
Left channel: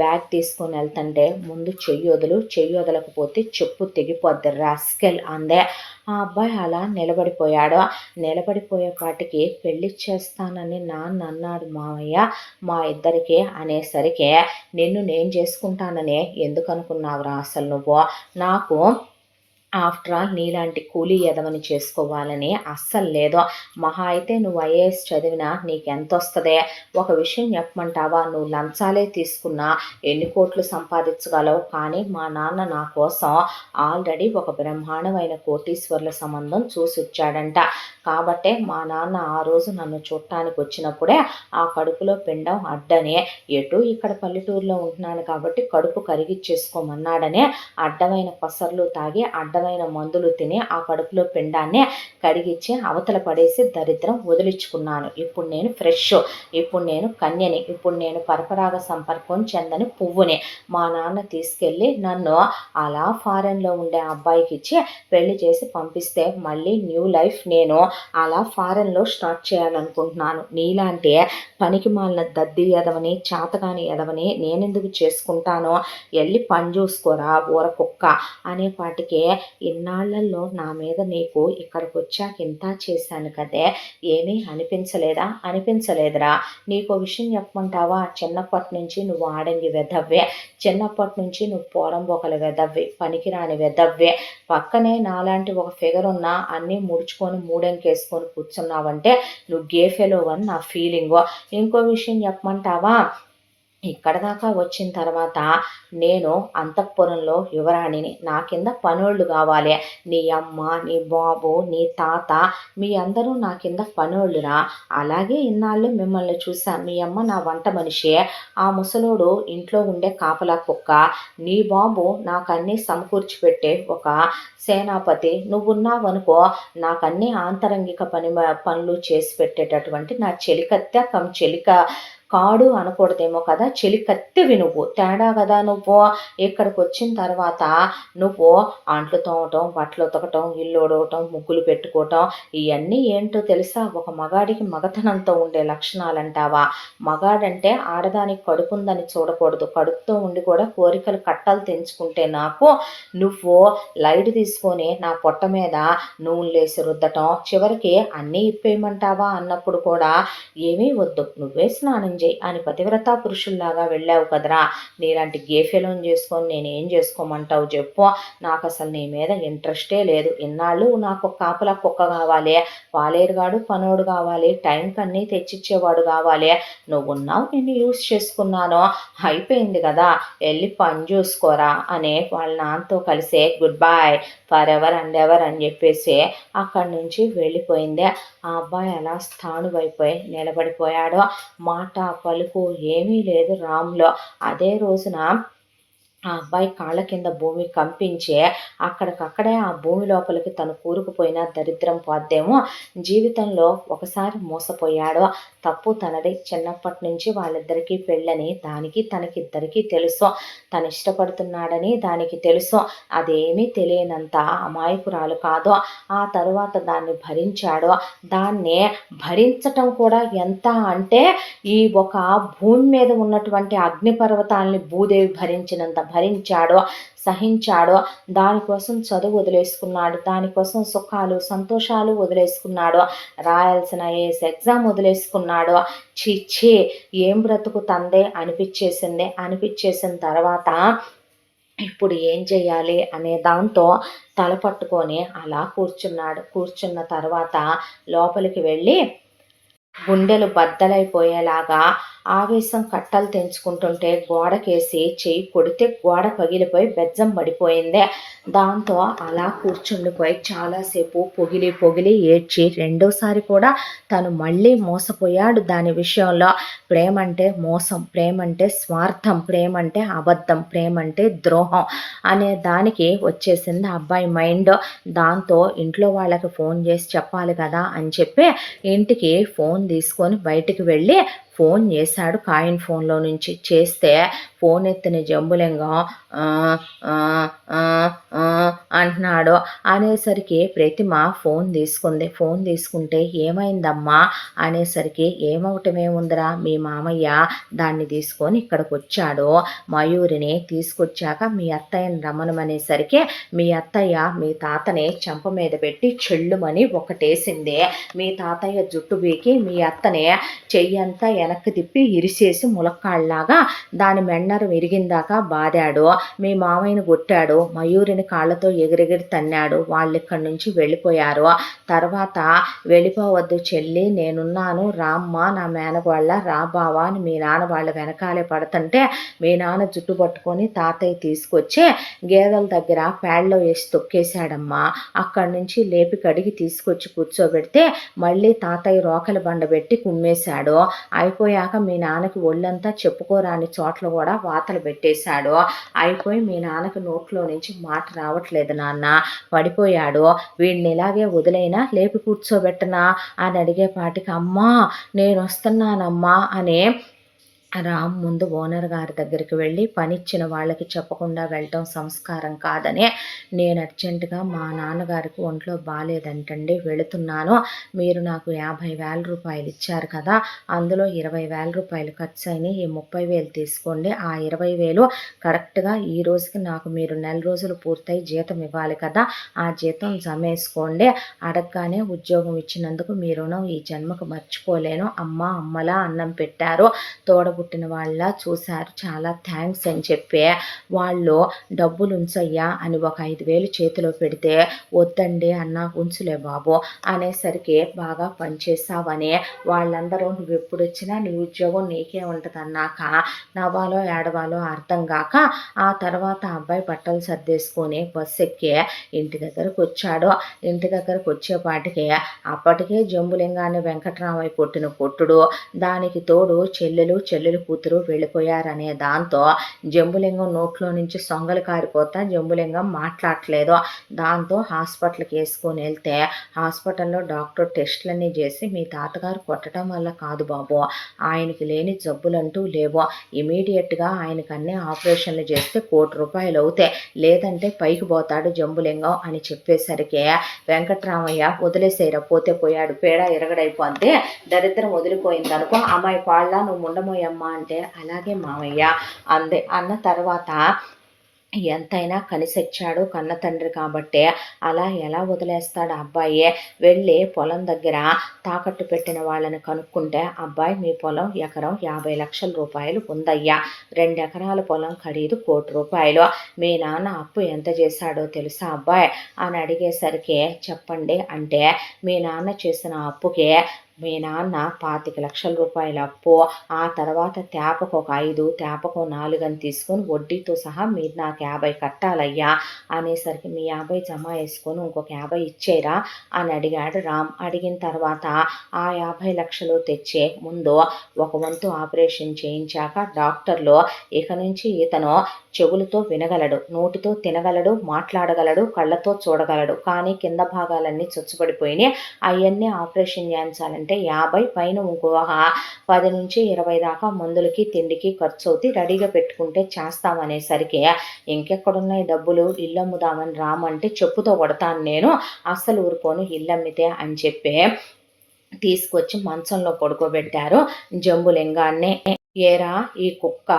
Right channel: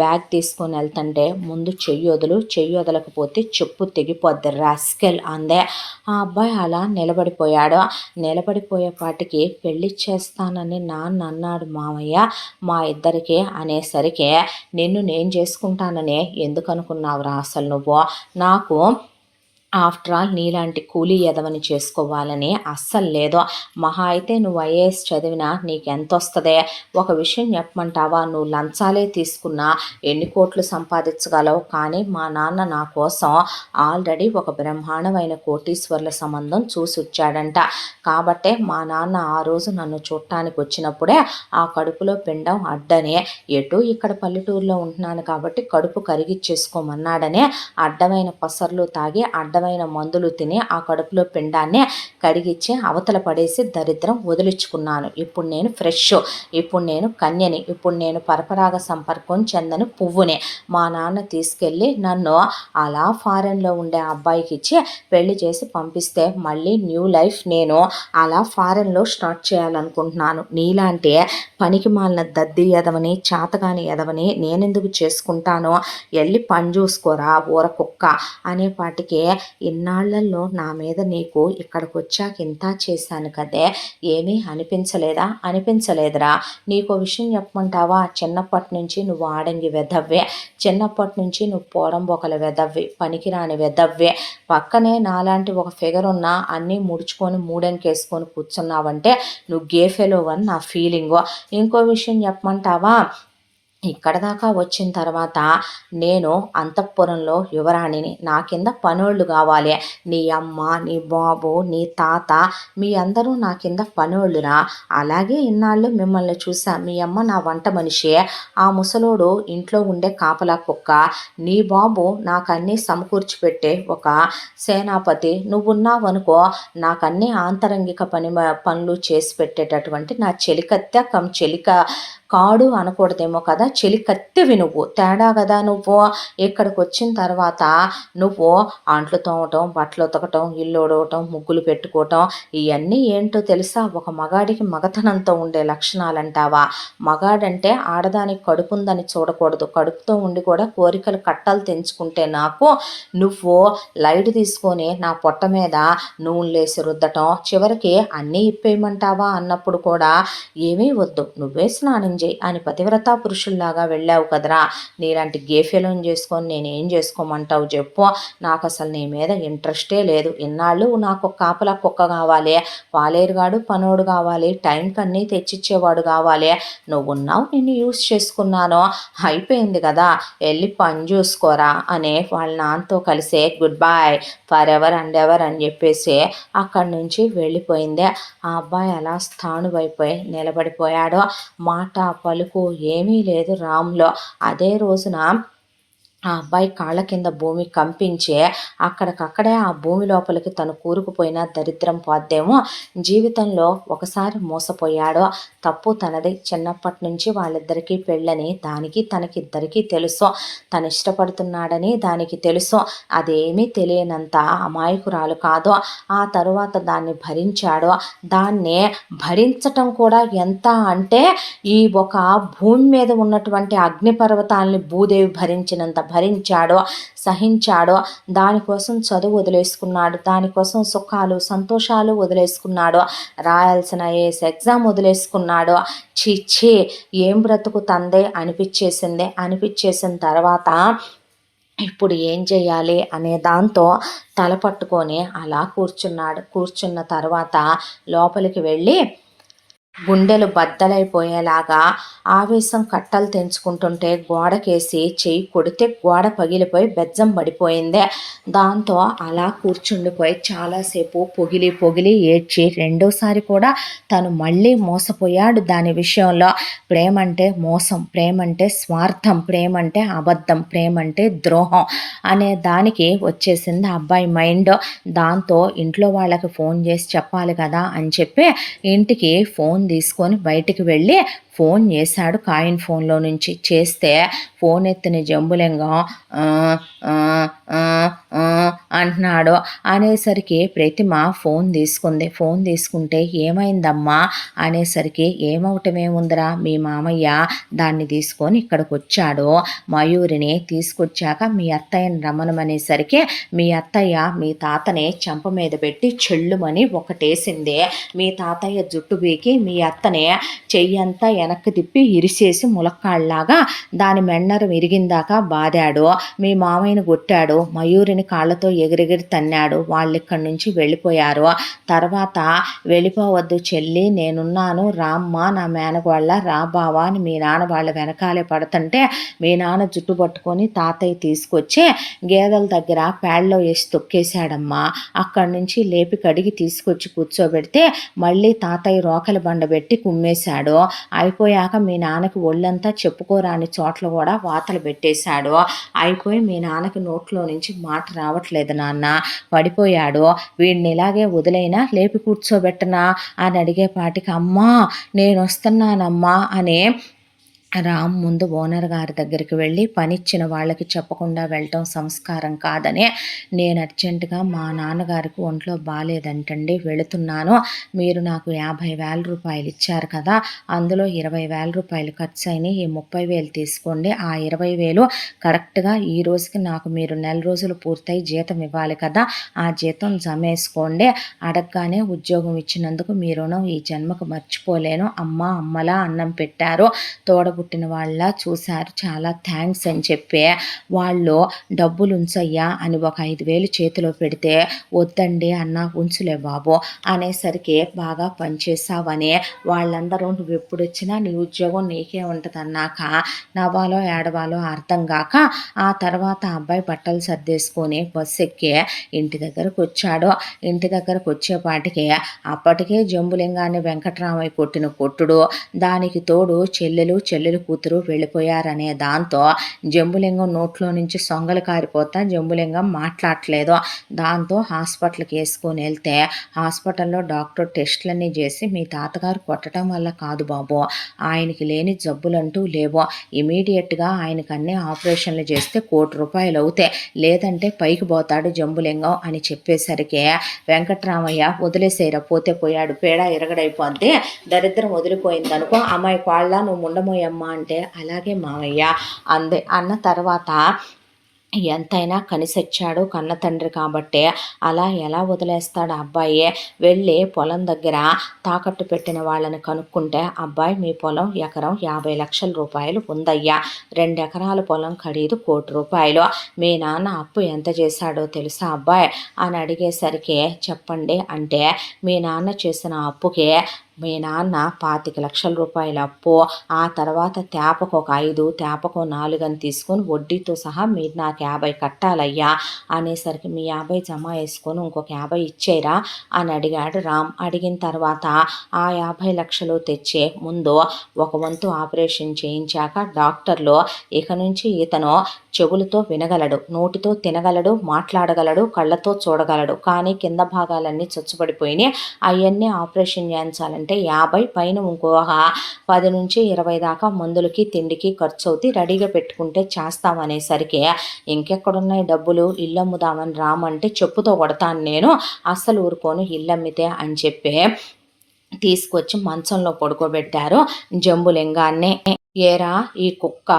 బ్యాగ్ తీసుకొని వెళ్తుంటే ముందు చెయ్యొదలు, చెయ్యొదలకపోతే చెప్పు తెగిపోద్ది రాస్కెల్ అందే. ఆ అబ్బాయి అలా నిలబడిపోయాడు. నిలబడిపోయేపాటికి పెళ్లి చేస్తానని నాన్న అన్నాడు మావయ్య మా ఇద్దరికి అనేసరికి నిన్ను నేను చేసుకుంటాననే ఎందుకు అనుకున్నావురా అసలు నువ్వు? నాకు ఆఫ్టర్ ఆల్ నీలాంటి కూలీ ఎదవని చేసుకోవాలని అస్సలు లేదు. మహా అయితే నువ్వు ఐఏఎస్ చదివినా నీకెంతొస్తదే? ఒక విషయం చెప్పమంటావా? నువ్వు లంచాలే తీసుకున్నా ఎన్ని కోట్లు సంపాదించగలవు, కానీ మా నాన్న నా కోసం ఆల్రెడీ ఒక బ్రహ్మాండమైన కోటీశ్వర్ల సంబంధం చూసొచ్చాడంట. కాబట్టే మా నాన్న ఆ రోజు నన్ను చూడటానికి వచ్చినప్పుడే ఆ కడుపులో పిండం అడ్డనే, ఎటు ఇక్కడ పల్లెటూరులో ఉంటున్నాను కాబట్టి కడుపు కరిగిచ్చేసుకోమన్నాడని అడ్డమైన పసర్లు తాగి అడ్డమైన మందులు తిని ఆ కడుపులో పిండాన్ని కడిగిచ్చి అవతల పడేసి దరిద్రం వదిలించుకున్నాను. ఇప్పుడు నేను ఫ్రెష్, ఇప్పుడు నేను కన్యని, ఇప్పుడు నేను పరపరాగ సంపర్కం చెందని పువ్వుని. మా నాన్న తీసుకెళ్ళి నన్ను అలా ఫారెన్లో ఉండే అబ్బాయికి ఇచ్చి పెళ్లి చేసి పంపిస్తే మళ్ళీ న్యూ లైఫ్ నేను అలా ఫారెన్లో స్టార్ట్ చేయాలనుకుంటున్నాను. నీలాంటి పనికి మాలిన దద్ది ఎదవని, చాతగాని ఎదవని నేనెందుకు చేసుకుంటానో, వెళ్ళి పని చూసుకోరా ఊర కుక్క అనేపాటికి ఇన్నాళ్లలో నా మీద నీకు ఇక్కడికొచ్చాక ఇంత చేశాను కదే, ఏమీ అనిపించలేదా? అనిపించలేదురా. నీకో విషయం చెప్పమంటావా? చిన్నప్పటి నుంచి నువ్వు ఆడంగి వెధవ్వే, చిన్నప్పటి నుంచి నువ్వు పోరంబొకల వెధవ్వే, పనికిరాని వెధవ్వే. పక్కనే నాలాంటి ఒక ఫిగర్ ఉన్నా అన్నీ ముడుచుకొని మూడంకేసుకొని కూర్చున్నావంటే నువ్వు గేఫెలోవని నా ఫీలింగు. ఇంకో విషయం చెప్పమంటావా? ఇక్కడ దాకా వచ్చిన తర్వాత నేను అంతఃపురంలో యువరాణిని. నా కింద పనోళ్ళు కావాలి. నీ అమ్మ, నీ బాబు, నీ తాత మీ అందరూ నా కింద పనోళ్ళురా. అలాగే ఇన్నాళ్ళు మిమ్మల్ని చూసా. మీ అమ్మ నా వంట మనిషి, ఆ ముసలోడు ఇంట్లో ఉండే కాపలా కుక్క. నీ బాబు నాకన్నీ సమకూర్చి పెట్టే ఒక సేనాపతి. నువ్వున్నావనుకో నాకన్నీ ఆంతరంగిక పనులు చేసి పెట్టేటటువంటి నా చెలికత్తె కమ్ చెలిక కాడు అనకూడదేమో కదా! చెలికత్తెవి నువ్వు. తేడా గదా నువ్వు. ఇక్కడికొచ్చిన తర్వాత నువ్వు అంట్లు తోమటం, బట్టలు ఉతకటం, ఇల్లు ఊడవటం, ముగ్గులు పెట్టుకోవటం ఇయన్నీ ఏంటో తెలుసా? ఒక మగాడికి మగతనంతో ఉండే లక్షణాలంటావా? మగాడంటే ఆడదానికి కడుపుందని చూడకూడదు. కడుపుతో ఉండి కూడా కోరికలు కట్టలు తెంచుకుంటే నాకు నువ్వు లైట్ తీసుకొని నా పొట్ట మీద నూనెలేసి రుద్దటం, చివరికి అన్నీ ఇప్పేయమంటావా అన్నప్పుడు కూడా ఏమీ వద్దు నువ్వే స్నానం చేయి అని పతివ్రతా పురుషుల్లాగా వెళ్ళావు కదరా! నీలాంటి గేఫెలను చేసుకొని నేనేం చేసుకోమంటావు చెప్పు? నాకసలు నీ మీద ఇంట్రెస్టే లేదు. ఇన్నాళ్ళు నాకు కాపలా కుక్క కావాలి, పాలేరుగాడు పనోడు కావాలి, టైంకి అన్నీ తెచ్చిచ్చేవాడు కావాలి. నువ్వున్నావు, నిన్ను యూజ్ చేసుకున్నాను, అయిపోయింది కదా, వెళ్ళి పని చూసుకోరా అని వాళ్ళ నాన్నతో కలిసి good bye for ever and ever అని చెప్పేసి అక్కడి నుంచి వెళ్ళిపోయింది. ఆ అబ్బాయి అలా స్థాణువైపోయి నిలబడిపోయాడు. మాట పలుకు ఏమీ లేదు రామ్‌లో. అదే రోజున ఆ అబ్బాయి కాళ్ళ కింద భూమి కంపించే అక్కడికక్కడే ఆ భూమి లోపలికి తను కూరుకుపోయిన దరిద్రం పోద్దేమో. జీవితంలో ఒకసారి మోసపోయాడో తప్పు తనది. చిన్నప్పటి నుంచి వాళ్ళిద్దరికీ పెళ్ళని దానికి తనకిద్దరికీ తెలుసు. తను ఇష్టపడుతున్నాడని దానికి తెలుసు. అదేమీ తెలియనంత అమాయకురాలు కాదు. ఆ తరువాత దాన్ని భరించాడో. దాన్ని భరించటం కూడా ఎంత అంటే ఈ ఒక భూమి మీద ఉన్నటువంటి అగ్నిపర్వతాల్ని భూదేవి భరించినంత భరించాడో, సహించాడో. దానికోసం చదువు వదిలేసుకున్నాడు. దానికోసం సుఖాలు, సంతోషాలు వదిలేసుకున్నాడు. రాయాల్సిన ఐఏఎస్ ఎగ్జామ్ వదిలేసుకున్నాడు. ఛీ! ఛీ! ఏం బ్రతుకు తందే అనిపిచ్చేసింది. అనిపిచ్చేసిన తర్వాత ఇప్పుడు ఏం చేయాలి అనే దాంతో తల పట్టుకొని అలా కూర్చున్నాడు. కూర్చున్న తర్వాత లోపలికి వెళ్ళి గుండెలు బద్దలైపోయేలాగా ఆవేశం కట్టలు తెంచుకుంటుంటే గోడకేసి చెయ్యి కొడితే గోడ పగిలిపోయి బెజ్జం పడిపోయింది. దాంతో అలా కూర్చుండిపోయి చాలాసేపు పొగిలి పొగిలి ఏడ్చి రెండోసారి కూడా తను మళ్ళీ మోసపోయాడు దాని విషయంలో. ప్రేమంటే మోసం, ప్రేమంటే స్వార్థం, ప్రేమంటే అబద్ధం, ప్రేమంటే ద్రోహం అనే దానికి వచ్చేసింది ఆ అబ్బాయి మైండ్. దాంతో ఇంట్లో వాళ్ళకి ఫోన్ చేసి చెప్పాలి కదా అని చెప్పి ఇంటికి ఫోన్ తీసుకొని బయటికి వెళ్ళి ఫోన్ చేశాడు కాయిన్ ఫోన్లో నుంచి. చేస్తే ఫోన్ ఎత్తిన జంబులింగం అంటున్నాడు. అనేసరికి ప్రతిమ ఫోన్ తీసుకుంది. ఫోన్ తీసుకుంటే ఏమైందమ్మా అనేసరికి ఏమవటమేముందిరా, మీ మామయ్య దాన్ని తీసుకొని ఇక్కడికి వచ్చాడు. మయూరిని తీసుకొచ్చాక మీ అత్తయ్యని రమ్మనమనేసరికి మీ అత్తయ్య మీ తాతని చెంప మీద పెట్టి చెల్లుమని ఒకటేసింది. మీ తాతయ్య జుట్టు బీకి మీ అత్తని చెయ్యంతా వెనక్కి తిప్పి ఇరిసేసి ములక్కాళ్ళలాగా దాని మెండరు విరిగిందాకా బాదాడు. మీ మామయ్యని కొట్టాడు. మయూరిని కాళ్ళతో ఎగిరెగిరి తన్నాడు. వాళ్ళిక్కడి నుంచి వెళ్ళిపోయారు. తర్వాత వెళ్ళిపోవద్దు చెల్లి, నేనున్నాను, రామ్మ నా మేనగోళ్ళ, రా బావా అని మీ నాన్న వాళ్ళ వెనకాలే పడుతుంటే మీ నాన్న జుట్టు పట్టుకొని తాతయ్య తీసుకొచ్చి గేదెల దగ్గర పేడలో వేసి తొక్కేశాడమ్మా. అక్కడి నుంచి లేపి కడిగి తీసుకొచ్చి కూర్చోబెడితే మళ్ళీ తాతయ్య రోకలి బండ పెట్టి కుమ్మేశాడు. అయిపోయాక మీ నాన్నకి ఒళ్ళంతా చెప్పుకోరాని చోట్ల కూడా వాతలు పెట్టేశాడు. అయిపోయి మీ నాన్నకి నోట్లో నుంచి మాట రావట్లేదు నాన్న, పడిపోయాడు, వీడిని ఇలాగే వదిలైనా లేపి కూర్చోబెట్టనా అని అడిగేపాటికి అమ్మా నేను వస్తున్నానమ్మా అని రామ్ ముందు ఓనర్ గారి దగ్గరికి వెళ్ళి పనిచ్చిన వాళ్ళకి చెప్పకుండా వెళ్ళటం సంస్కారం కాదని, నేను అర్జెంటుగా మా నాన్నగారికి ఒంట్లో బాగాలేదంటండి వెళుతున్నాను, మీరు నాకు 50,000 రూపాయలు ఇచ్చారు కదా, అందులో 20,000 రూపాయలు ఖర్చు అయినాయి, ఈ 30,000 తీసుకోండి, ఆ 20,000 కరెక్ట్గా ఈ రోజుకి నాకు మీరు నెల రోజులు పూర్తయి జీతం ఇవ్వాలి కదా, ఆ జీతం జమేసుకోండి, అడగగానే ఉద్యోగం ఇచ్చినందుకు మీ రుణం ఈ జన్మకు మర్చిపోలేను, అమ్మలా అన్నం పెట్టారు, తోడబుట్టిన వాళ్ళ చూశారు, చాలా థ్యాంక్స్ అని చెప్పి వాళ్ళు డబ్బులు ఉంచయ్యా అని ఒక 5,000 చేతిలో పెడితే వద్దండి అన్న ఉంచులే బాబు అనేసరికి బాగా పనిచేసావని వాళ్ళందరూ నువ్వు ఎప్పుడు వచ్చినా నీ ఉద్యోగం నీకే ఉంటుంది అన్నాక నవ్వాలో ఏడవాలో అర్థం కాక ఆ తర్వాత అబ్బాయి బట్టలు సర్దేసుకొని బస్సు ఎక్కి ఇంటి దగ్గరకు వచ్చాడు. ఇంటి దగ్గరకు వచ్చేపాటికి అప్పటికే జంబులింగాన్ని వెంకట్రామయ్య కొట్టిన కొట్టుడు, దానికి తోడు చెల్లెలు చెల్లెలు కూతురు వెళ్ళిపోయారనే దాంతో జంబులింగం నోట్లో నుంచి సొంగలు కారిపోతా జంబులింగం మాట్లాడట్లేదు. దాంతో హాస్పిటల్‌కి యేసుకొని వెళ్తే హాస్పిటల్‌లో డాక్టర్ టెస్ట్‌లన్నీ చేసి మీ తాతగారు కొట్టడం వల్ల కాదు బాబు, ఆయనకి లేని జబ్బులంటూ లేవు. ఇమ్మీడియేట్‌గా ఆయనకి అన్నీ ఆపరేషన్లు చేస్తే ₹1,00,00,000 అవుతాయి. లేదంటే పైకి పోతాడు జంబులింగం అని చెప్పేసరికి వెంకట్రామయ్య వదిలేసేయరా పోతే పోయాడు పేడ ఇరగడైపోద్ది, దరిద్రం వదిలిపోయిందనుకో, అమ్మాయి కోళ్ళ నువ్వు ఉండమోయమ్మా అంటే అలాగే మావయ్య అంది. అన్న తర్వాత ఎంతైనా కనిసొచ్చాడు కన్న తండ్రి కాబట్టే అలా ఎలా వదిలేస్తాడు అబ్బాయి. వెళ్ళి పొలం దగ్గర తాకట్టు పెట్టిన వాళ్ళని కనుక్కుంటే, అబ్బాయి మీ పొలం ఎకరం 50,00,000 రూపాయలు ఉందయ్యా, 2 ఎకరాల పొలం ఖరీదు ₹1,00,00,000. మీ నాన్న అప్పు ఎంత చేశాడో తెలుసా అబ్బాయి అని అడిగేసరికి చెప్పండి అంటే, మీ నాన్న చేసిన అప్పుకే మీ నాన్న 25,00,000 రూపాయల అప్పు, ఆ తర్వాత తేపకు ఒక 5, తేపకు 4 అని తీసుకొని వడ్డీతో సహా మీరు నాకు 50 కట్టాలయ్యా అనేసరికి, మీ 50 జమ వేసుకొని ఇంకొక 50 ఇచ్చేయరా అని అడిగాడు రామ్. అడిగిన తర్వాత ఆ 50,00,000 తెచ్చి ముందు ఒక వంతు ఆపరేషన్ చేయించాక డాక్టర్లు ఇక నుంచి ఇతను చెవులతో వినగలడు, నోటితో తినగలడు, మాట్లాడగలడు, కళ్ళతో చూడగలడు, కానీ కింద భాగాలన్నీ చచ్చుబడిపోయినాయి, అవన్నీ ఆపరేషన్ చేయించాలంటే 50 పైన ఇంకో 10-20 దాకా మందులకి తిండికి ఖర్చు అవుతాయి, రెడీగా పెట్టుకుంటే చేస్తామనేసరికి, ఇంకెక్కడున్నాయి డబ్బులు, ఇల్లు అమ్ముదామని రామంటే చెప్పుతో కొడతాను నేను, అస్సలు ఊరుకోను ఇల్లమ్మితే అని చెప్పి తీసుకొచ్చి మంచంలో పడుకోబెట్టారు జంబులింగాన్ని. ఏరా ఈ కుక్క,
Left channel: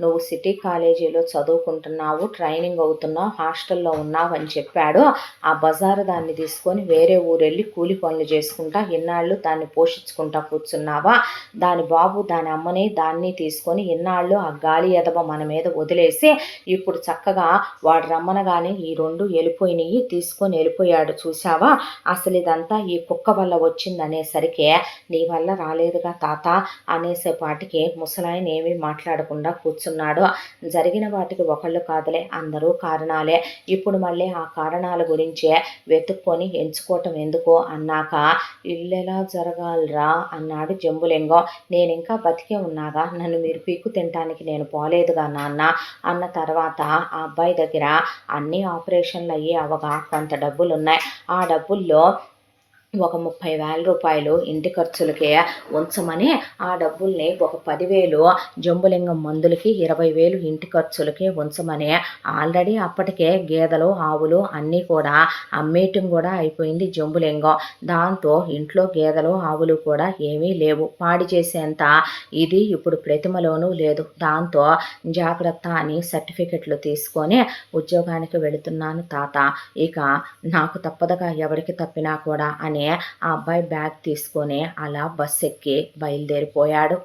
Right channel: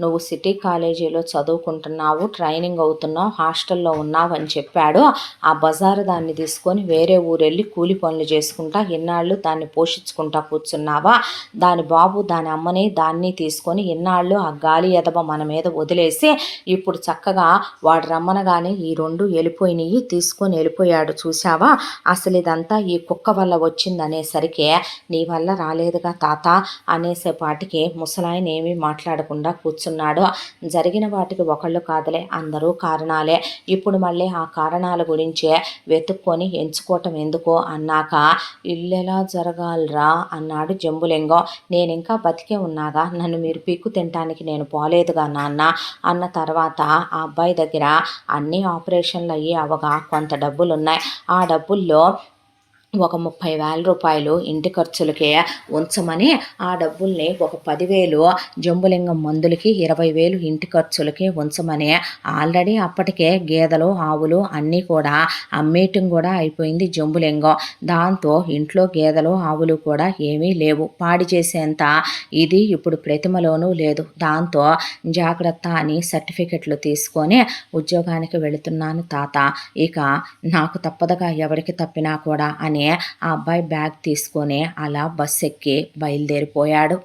నువ్వు సిటీ కాలేజీలో చదువుకుంటున్నావు, ట్రైనింగ్ అవుతున్నావు, హాస్టల్లో ఉన్నావు అని చెప్పాడు. ఆ బజారు దాన్ని తీసుకొని వేరే ఊరెళ్ళి కూలి పనులు చేసుకుంటా ఇన్నాళ్ళు దాన్ని పోషించుకుంటా కూర్చున్నావా, దాని బాబు దాని అమ్మని దాన్ని తీసుకొని ఇన్నాళ్ళు ఆ గాలి ఎదవ మన మీద వదిలేసి ఇప్పుడు చక్కగా వాడు రమ్మనగానే ఈ 2 వెళ్ళిపోయినాయి, తీసుకొని వెళ్ళిపోయాడు చూసావా, అసలు ఇదంతా ఈ కుక్క వల్ల వచ్చిందనేసరికి, నీ వల్ల రాలేదుగా తాత అనేసేపాటికి ముసలాయన ఏమీ మాట్లాడకుండా కూర్చున్నాడు. జరిగిన వాటికి ఒకళ్ళు కాదులే, అందరూ కారణాలే, ఇప్పుడు మళ్ళీ ఆ కారణాల గురించే వెతుక్కొని ఎంచుకోవటం ఎందుకు అన్నాక, ఇల్లెలా జరగాలరా అన్నాడు జంబులింగం. నేను ఇంకా బతికే ఉన్నాగా, నన్ను మీరు పీక్కు తినటానికి నేను పోలేదుగా నాన్న అన్న తర్వాత, ఆ అబ్బాయి దగ్గర అన్ని ఆపరేషన్లు అయ్యి అవగా కొంత డబ్బులున్నాయి. ఆ డబ్బుల్లో ఒక 30,000 రూపాయలు ఇంటి ఖర్చులకే ఉంచమని, ఆ డబ్బుల్ని ఒక 10,000 జంబులింగం మందులకి, 20,000 ఇంటి ఖర్చులకి ఉంచమని, ఆల్రెడీ అప్పటికే గేదెలు ఆవులు అన్నీ కూడా అమ్మేయటం కూడా అయిపోయింది జంబులింగం. దాంతో ఇంట్లో గేదెలు ఆవులు కూడా ఏమీ లేవు, పాడి చేసేంత ఇది ఇప్పుడు ప్రతిమలోనూ లేదు. దాంతో జాగ్రత్త అని సర్టిఫికెట్లు తీసుకొని ఉద్యోగానికి వెళుతున్నాను తాత, ఇక నాకు తప్పదుగా ఎవరికి తప్పినా కూడా అని ఆ అబ్బాయి బ్యాగ్ తీసుకొని అలా బస్ ఎక్కి బయలుదేరిపోయాడు.